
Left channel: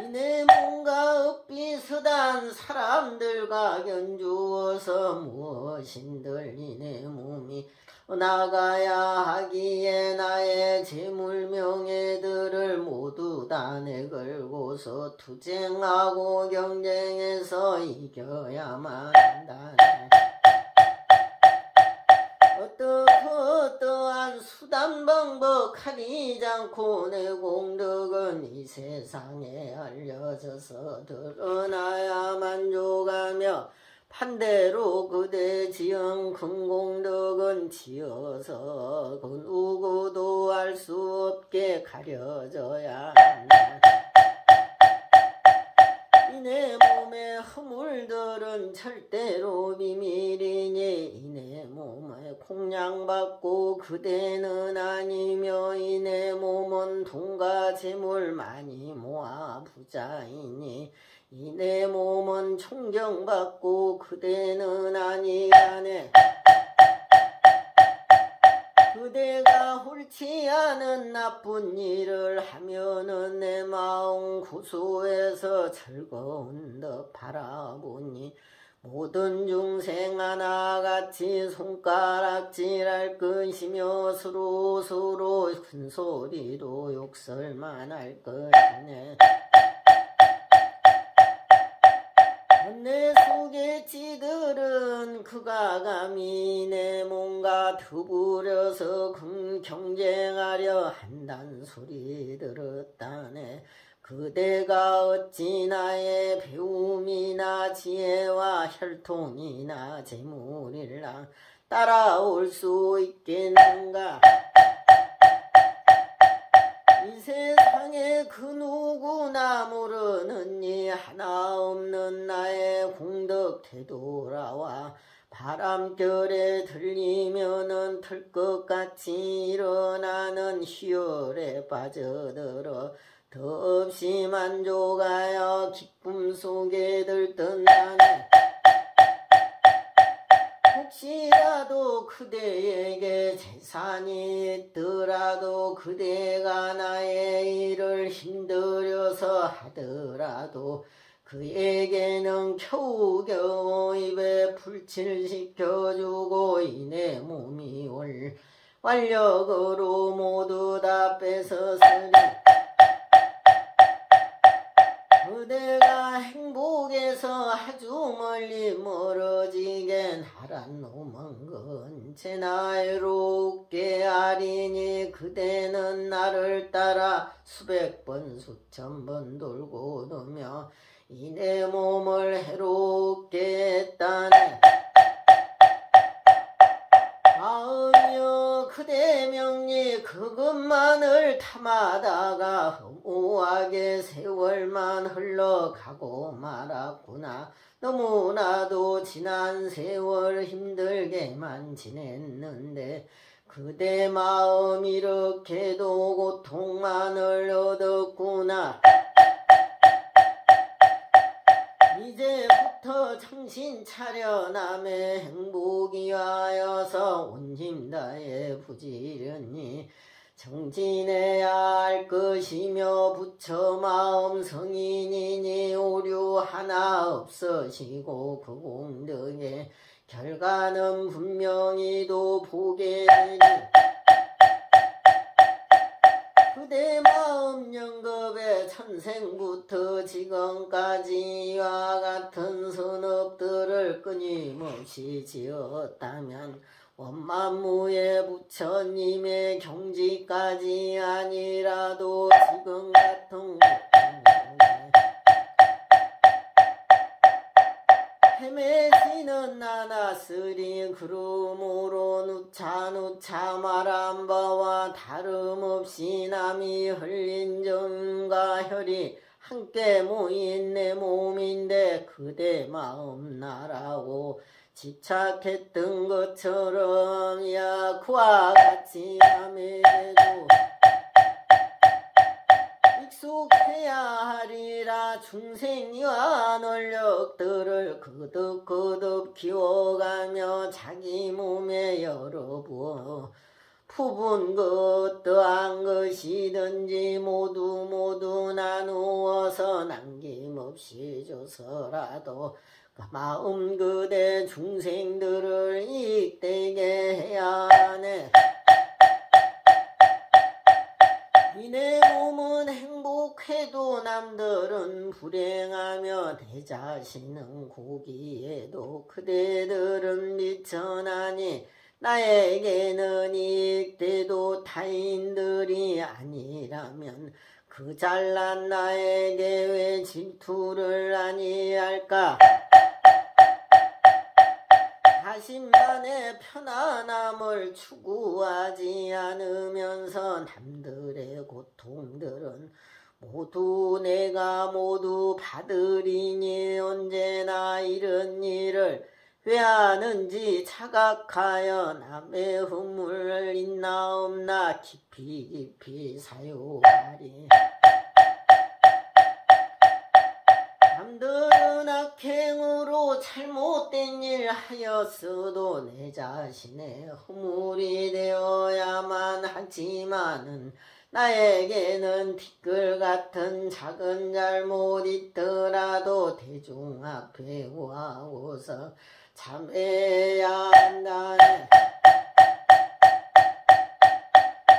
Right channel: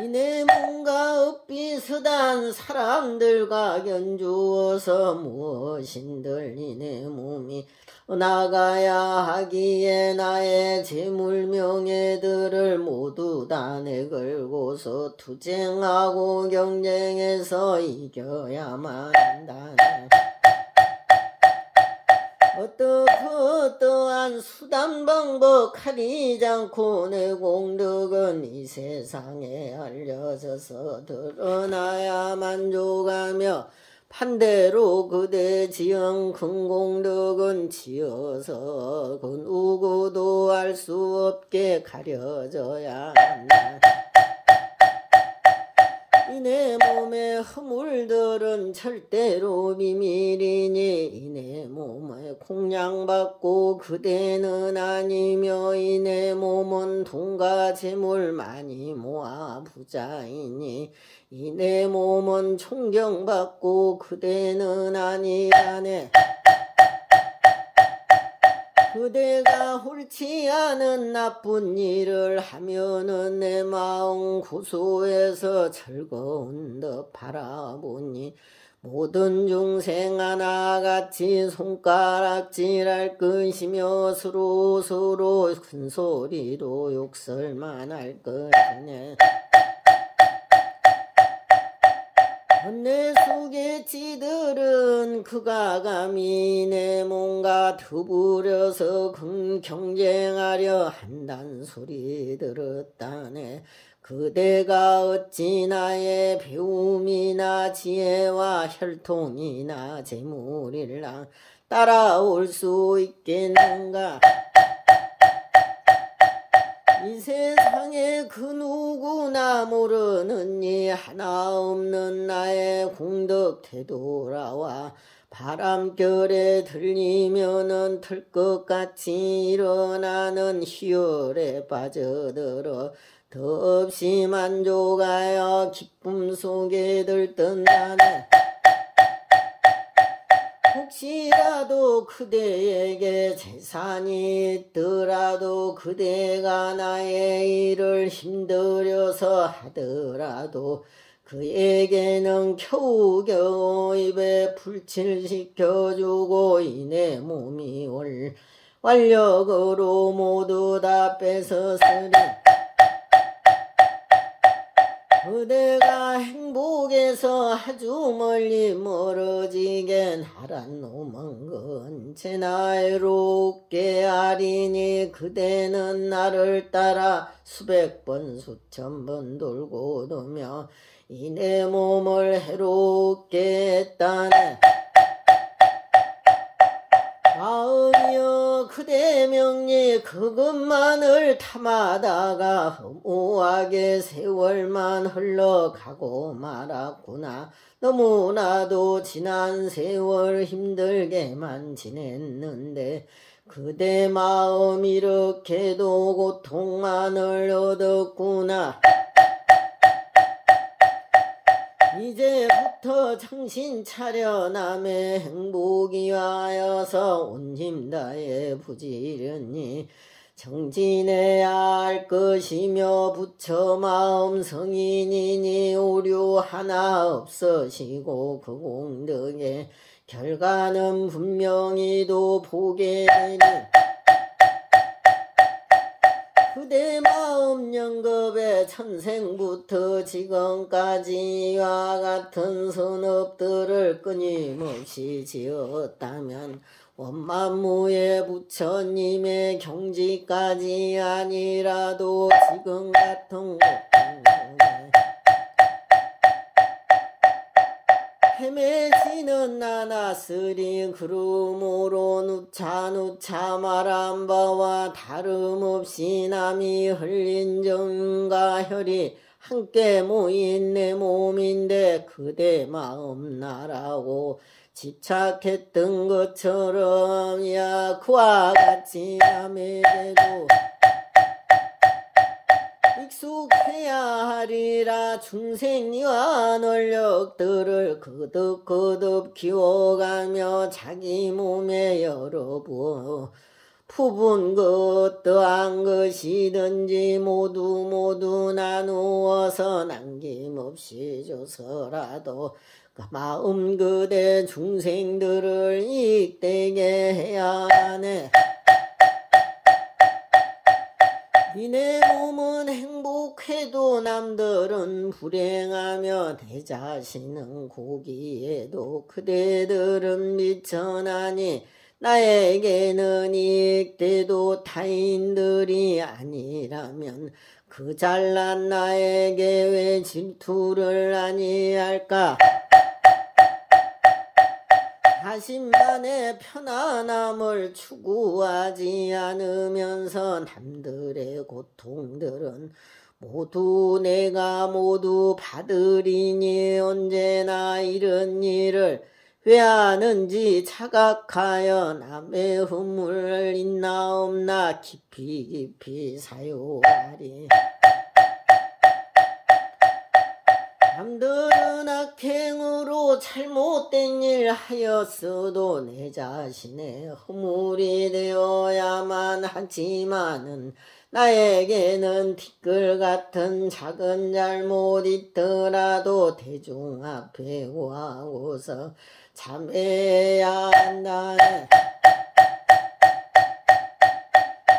이내 몸과 엇비슷한 사람들과 견주어서 무엇인들 이내 몸이 나가야 하기에 나의 재물 명예들을 모두 다 내걸고서 투쟁하고 경쟁해서 이겨야만 한다. 어떠한 수단 방법 가리지 않고 내 공덕은 이 세상에 알려져서 드러나야 만족하며 반대로 그대 지은 큰 공덕은 지어서 그 누구도 알 수 없게 가려져야 한다. 이내 몸의 허물들은 절대로 비밀이니 이내 몸에 공양받고 그대는 아니며 이내 몸은 돈과 재물 많이 모아 부자이니 이내 몸은 존경받고 그대는 아니라네. 그대가 옳지 않은 나쁜 일을 하면은 내 마음 구소해서 즐거운 듯 바라보니 모든 중생 하나같이 손가락질할 것이며 서로 큰 소리로 욕설만 할 것이네. 내 속의 지들은 그가 감히 내 몸과 더불어서 경쟁하려 한단 소리 들었다네. 그대가 어찌 나의 배움이나 지혜와 혈통이나 재물이랑 따라올 수 있겠는가. 이 세상에 그 누구나 모르는 이 하나 없는 나의 공덕 되돌아와 바람결에 들리면은 들것같이 일어나는 희열에 빠져들어 더없이 만족하여 기쁨 속에 들뜬다네. 혹시라도 그대에게 재산이 있더라도 그대가 나의 일을 힘들여서 하더라도 그에게는 겨우겨우 입에 불칠 시켜주고 이내 몸이 완력으로 모두 다 뺏었으니 그대가 행복에서 아주 멀리 멀어지게 하란 놈은 건체나 애롭게 하리니 그대는 나를 따라 수백 번 수천 번 돌고 도며 이 내 몸을 해롭게 했다네. 마음이여 그대 명리 그것만을 탐하다가 허무하게 세월만 흘러가고 말았구나. 너무나도 지난 세월 힘들게만 지냈는데 그대 마음 이렇게도 고통만을 얻었구나. 이제부터 정신 차려 남의 행복이 하여서 온 힘 다해 부지런히 정진해야 할 것이며 부처 마음 성인이니 오류 하나 없으시고 그 공덕의 결과는 분명히도 보게 되니 그대 마음 영겁에 천생부터 지금까지와 같은 선업들을 끊임없이 지었다면 원만무의 부처님의 경지까지 아니라도 지금 같은 헤매지는 않았으리. 그러므로 누차 말한 바와 다름없이 남이 흘린 정과 혈이 함께 모인 내 몸인데 그대 마음 나라고 집착했던 것처럼 그와 같이 남에게도 익숙해야 하리라. 중생이와 원력들을 거듭 키워가며 자기 몸에 여러 부분 어떠한 것이든지 모두 나누어서 남김없이 줘서라도 그 마음 그대 중생들을 이익되게 해야 하네. 이내 몸은 행복해도 남들은 불행하며 내 자신은 고기에도 그대들은 미천하니 나에게는 이익돼도 타인들이 아니라면 그 잘난 나에게 왜 질투를 아니할까. 자신만의 편안함을 추구하지 않으면서 남들의 고통들은 모두 내가 모두 받으리니 언제나 이런 일을 왜 하는지 자각하여 남의 허물을 있나 없나 깊이 사유하리. 남들은 악행으로 잘못된 일 하였어도 내 자신의 허물이 되어야만 하지만은 나에게는 티끌 같은 작은 잘못 있더라도 대중 앞에 와고서 참회해야 한다네.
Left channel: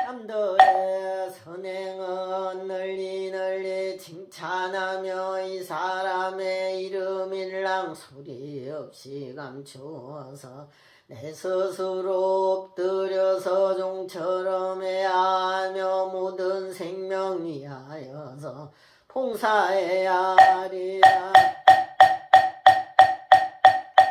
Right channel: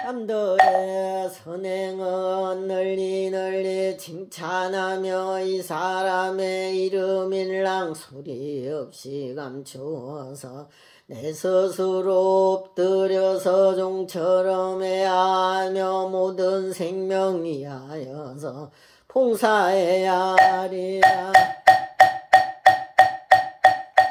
남들의 선행은 널리 칭찬하며 이 사람의 이름일랑 소리 없이 감추어서 내 스스로 엎드려서 종처럼 해야 하며 모든 생명 위하여서 봉사해야 하리라.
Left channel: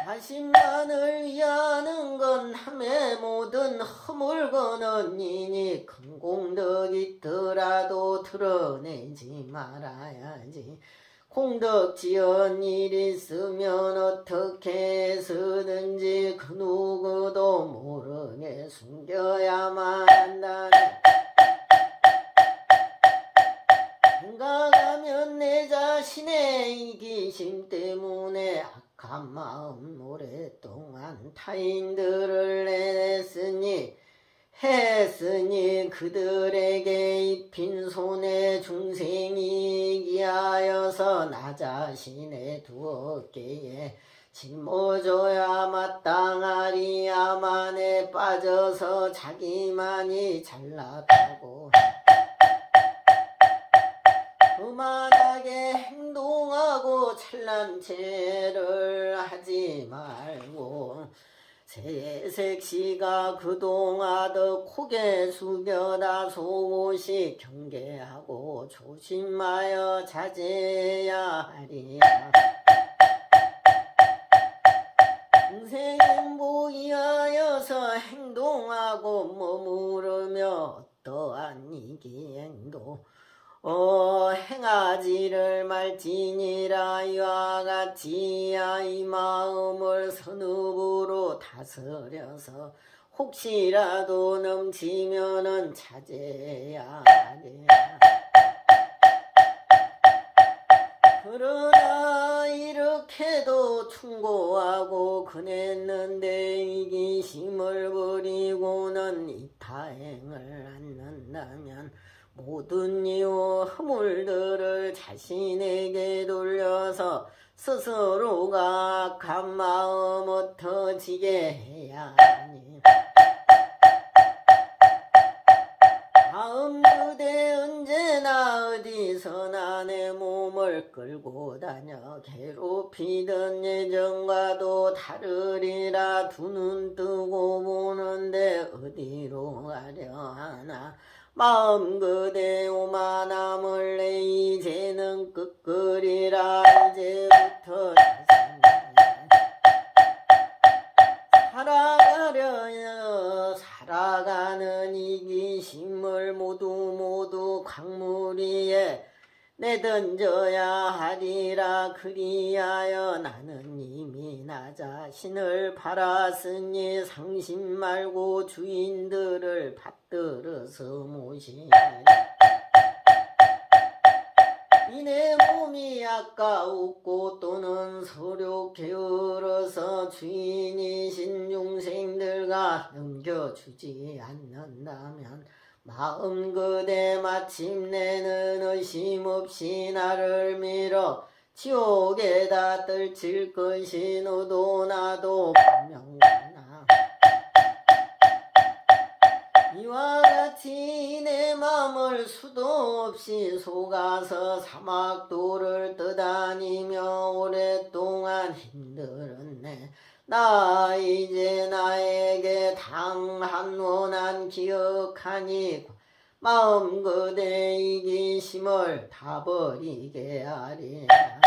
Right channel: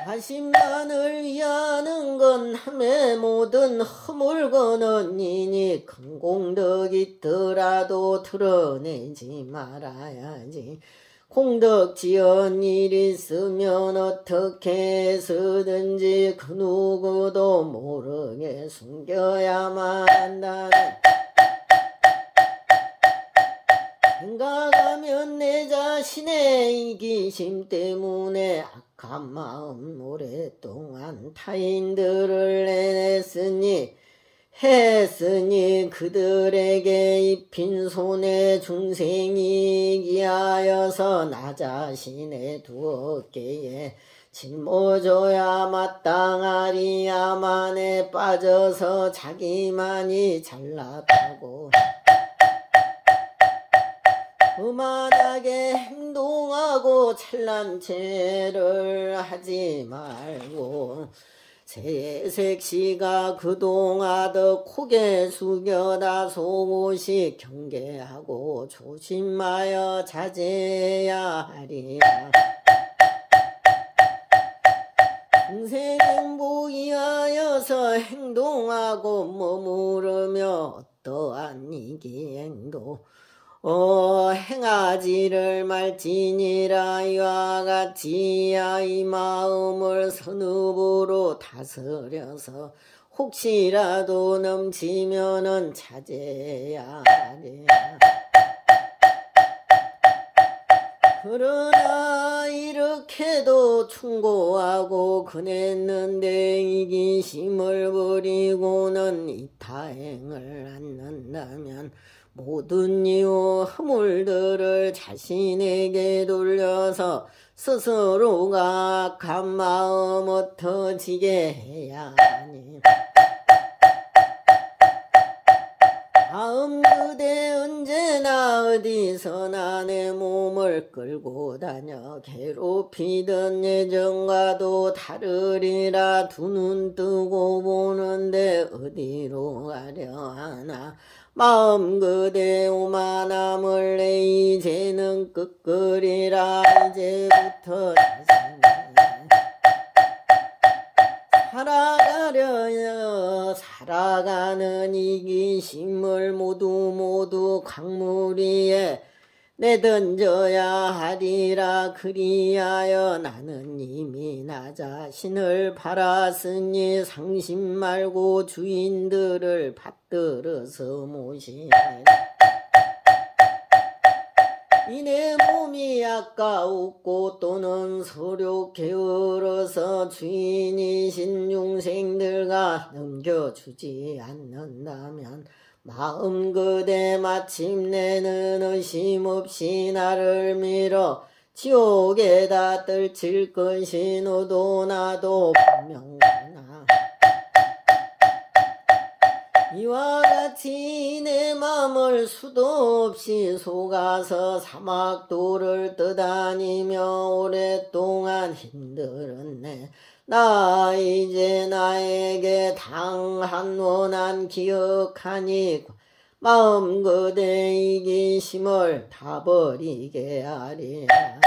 자신만을 위하는 건 남의 모든 허물거는 이니 큰 공덕 있더라도 드러내지 말아야지. 공덕 지은 일 있으면 어떻게 해서든지 그 누구도 모르게 숨겨야만 한다네. 생각하면 내 자신의 이기심 때문에 악한 마음 오랫동안 타인들을 내냈으니 했으니 그들에게 입힌 손에 중생이 기하여서 나 자신의 두 어깨에 짊어져야 마땅하리야만에 빠져서 자기만이 잘났다고 그만하게 행동하고 찬란 채를 하지 말고 세색시가 그동하듯 고개 숙여다 속옷이 경계하고 조심하여 자제해야 하리라. 중생 행복이하여서 행동하고 머무르며 어떠한 이기행도 행하지를 말지니라. 이와 같이야 이 마음을 선읍으로 다스려서 혹시라도 넘치면은 자제해야 하리라. 그러나 이렇게도 충고하고 그냈는데 이기심을 버리고는 이타행을 않는다면 모든 이유 허물들을 자신에게 돌려서 스스로가 악한 마음 흩어지게 해야 하니 마음 그대 언제나 어디서나 내 몸을 끌고 다녀 괴롭히던 예전과도 다르리라. 두 눈 뜨고 보는데 어디로 가려 하나 마음 그대 오만함을내 이제는 끄끄리라. 이제부터 살아가려여 살아가는 이기심을 모두 강물 위에 내던져야 하리라. 그리하여 나는 이미 나 자신을 팔았으니 상심 말고 주인들을 받들어서 모시리라. 이내 몸이 아까웠고 또는 서로 게을러서 주인이신 중생들과 넘겨주지 않는다면 마음 그대 마침내는 의심 없이 나를 밀어 지옥에다 떨칠 것이 너도 나도 분명하나. 이와 같이 내 맘을 수도 없이 속아서 사막도를 떠다니며 오랫동안 힘들었네. 나 이제 나에게 당한 원한 기억하니 마음 그대 이기심을 다 버리게 하리라.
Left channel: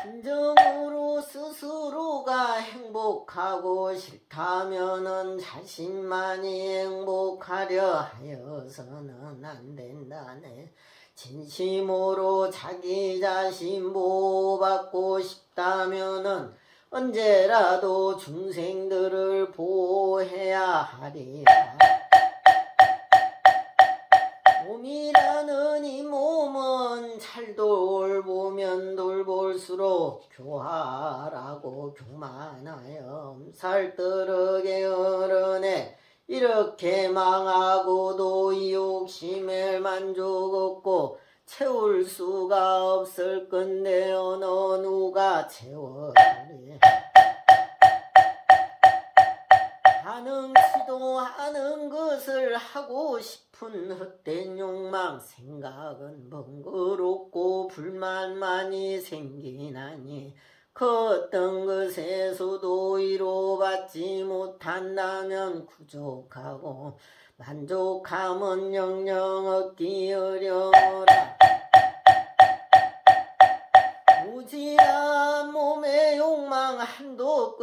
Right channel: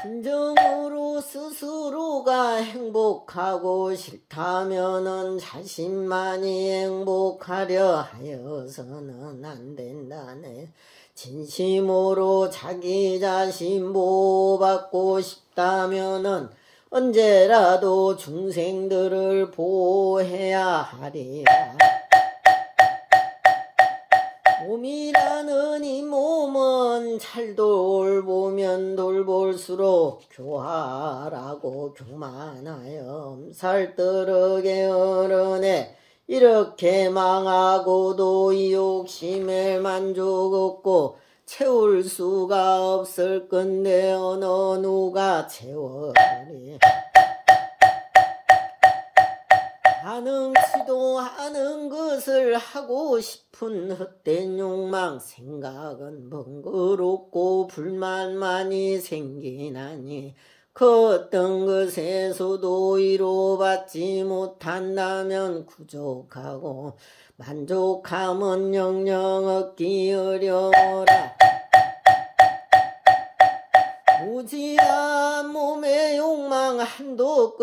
진정으로 스스로가 행복하고 싫다면은 자신만이 행복하려 하여서는 안 된다네. 진심으로 자기 자신 보호받고 싶다면은 언제라도 중생들을 보호해야 하리라. 몸이라는 이 몸은 잘 돌보면 돌볼수록 교활하고 교만하여 살뜨르게 어른해 이렇게 망하고도 이 욕심에 만족 없고 채울 수가 없을 건데 어느 누가 채워리. 가능치도 않은 것을 하고 싶은 헛된 욕망 생각은 번거롭고 불만만이 생기나니 그 어떤 것에서도 위로받지 못한다면 부족하고 만족함은 영영 얻기 어려워라. 무지한 몸의 욕망 한도 없고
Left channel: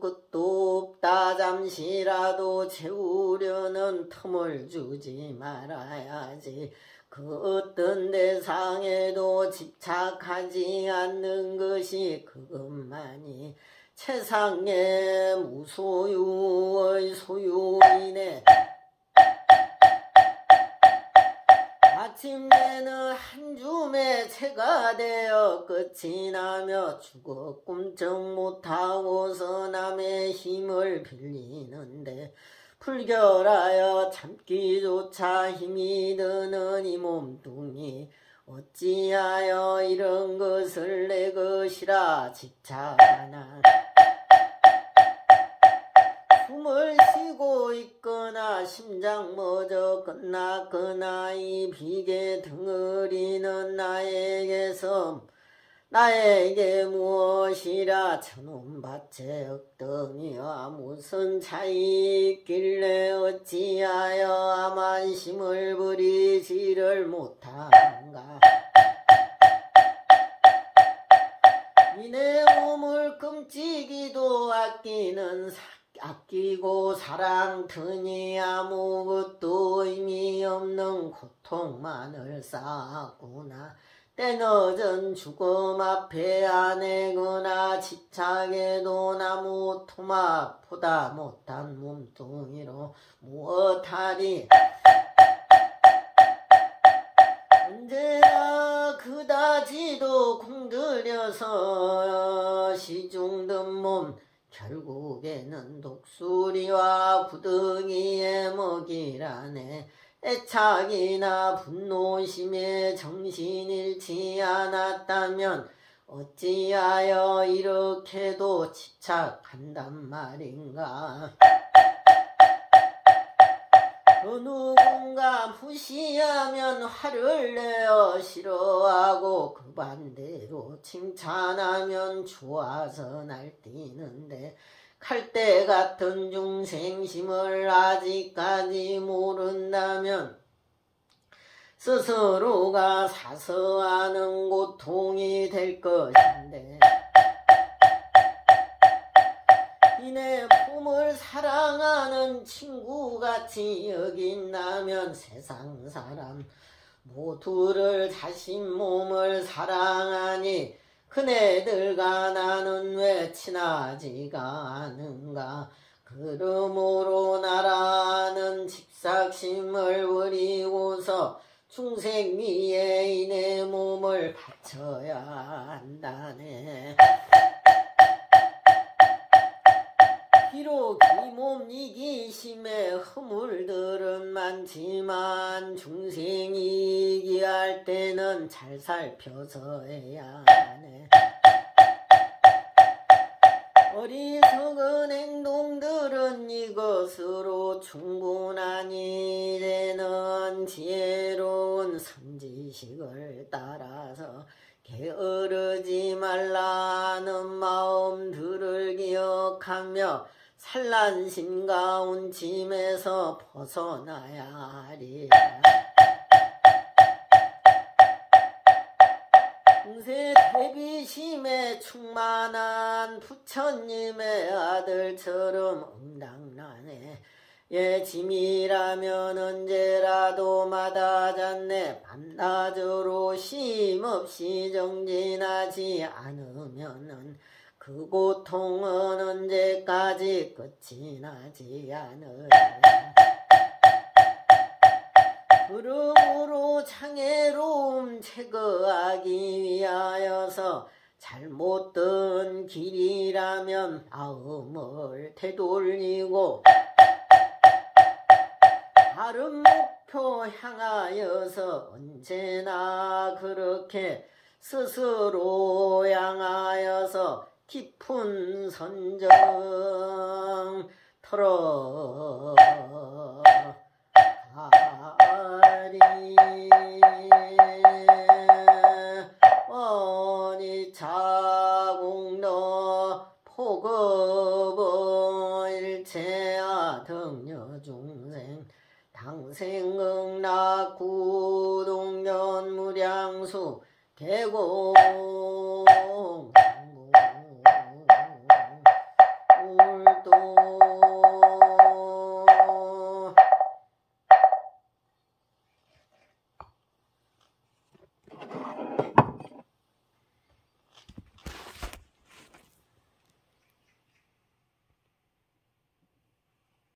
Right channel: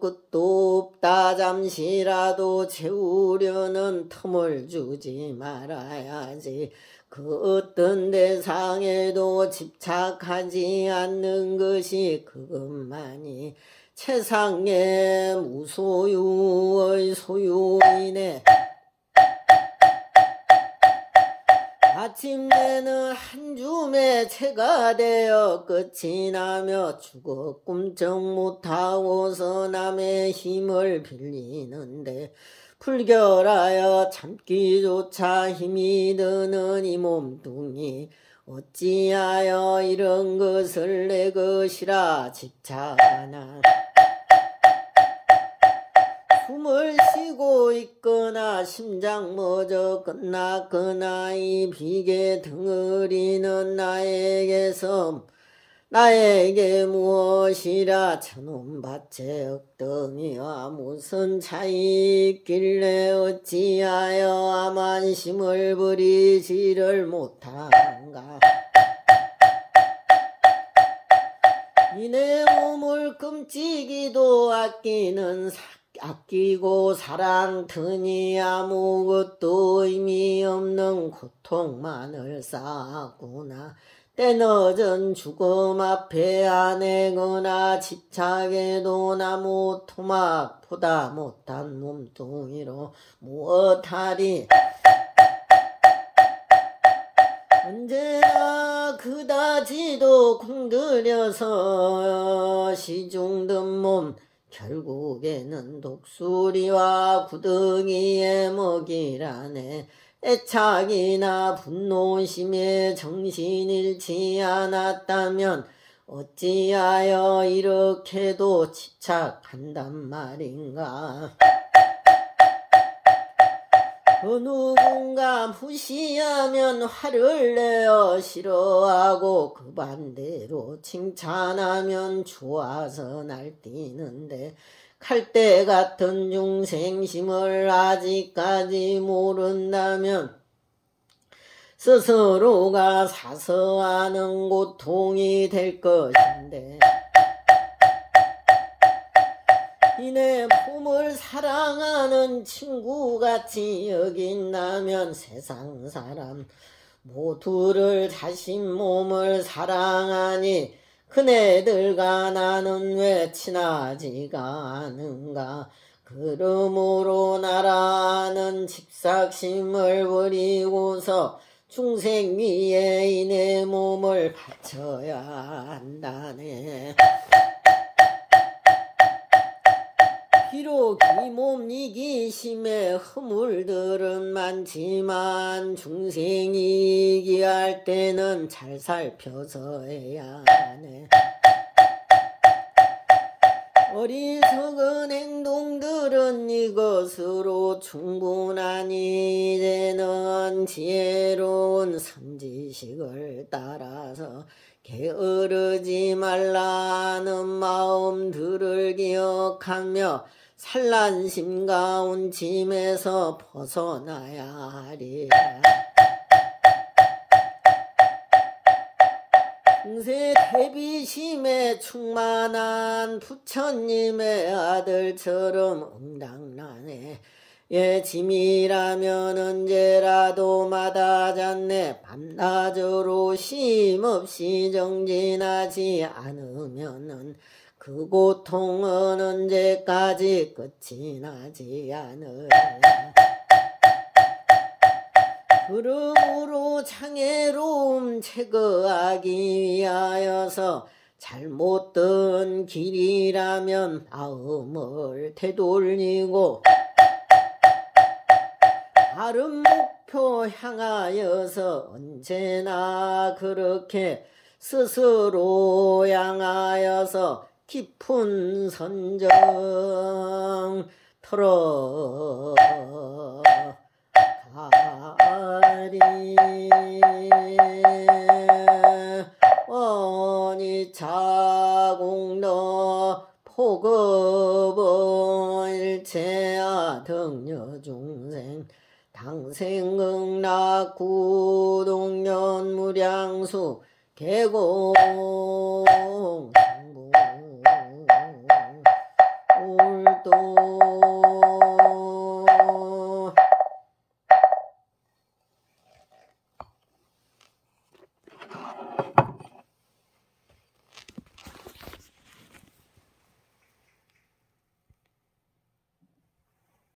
끝도 없다. 잠시라도 채우려는 틈을 주지 말아야지. 그 어떤 대상에도 집착하지 않는 것이 그것만이 세상의 무소유의 소유이네. 마침내는 한 줌의 채가 되어 끝이 나며 죽어 꿈쩍 못하고서 남의 힘을 빌리는데 불결하여 참기조차 힘이 드는 이 몸뚱이 어찌하여 이런 것을 내 것이라 집착하나. 숨을 쉬고 있거나 심장 멎어 끝났거나 이 비계 덩어리는 나에게 무엇이라 천운밭에 억덩이와 무슨 차이 있길래 어찌하여 아만심을 부리지를 못한가. 이내 몸을 끔찍이도 아끼고 사랑더니 아무것도 의미 없는 고통만을 쌓았구나. 때늦은 죽음 앞에 아내거나 집착에도 나무 토막보다 못한 몸뚱이로 무엇하리. 언제나 그다지도 공들여서 시중든 몸 결국에는 독수리와 구덩이에 먹이라네. 애착이나 분노심에 정신 잃지 않았다면 어찌하여 이렇게도 집착한단 말인가. 누군가 무시하면 화를 내어 싫어하고 그 반대로 칭찬하면 좋아서 날뛰는데 칼대 같은 중생심을 아직까지 모른다면 스스로가 사서하는 고통이 될 것인데 이내 몸을 사랑하는 친구같이 여긴다면 세상 사람 모두를 자신 몸을 사랑하니 그네들과 나는 왜 친하지가 않은가. 그러므로 나라는 집삭심을 버리고서 중생 위에 이내 몸을 바쳐야 한다네. 비록 이 몸 이기심에 허물들은 많지만 중생이 이기할 때는 잘 살펴서 해야 하네. 어리석은 행동들은 이것으로 충분하니 이제는 지혜로운 선지식을 따라서 게으르지 말라는 마음들을 기억하며 산란심 가운 짐에서 벗어나야 하리라. 중세 대비심에 충만한 부처님의 아들처럼 엉당나네. 예 짐이라면 언제라도 마다잡네. 밤낮으로 쉼없이 정진하지 않으면은 그 고통은 언제까지 끝이 나지 않으리라. 그러므로 장애로움 제거하기 위하여서 잘못된 길이라면 마음을 되돌리고 바른 목표 향하여서 언제나 그렇게 스스로 향하여서 깊은 선정 털어가리. 원이차공너 포급은 일체야 등여중생 당생응락 구동연무량수 개공 올도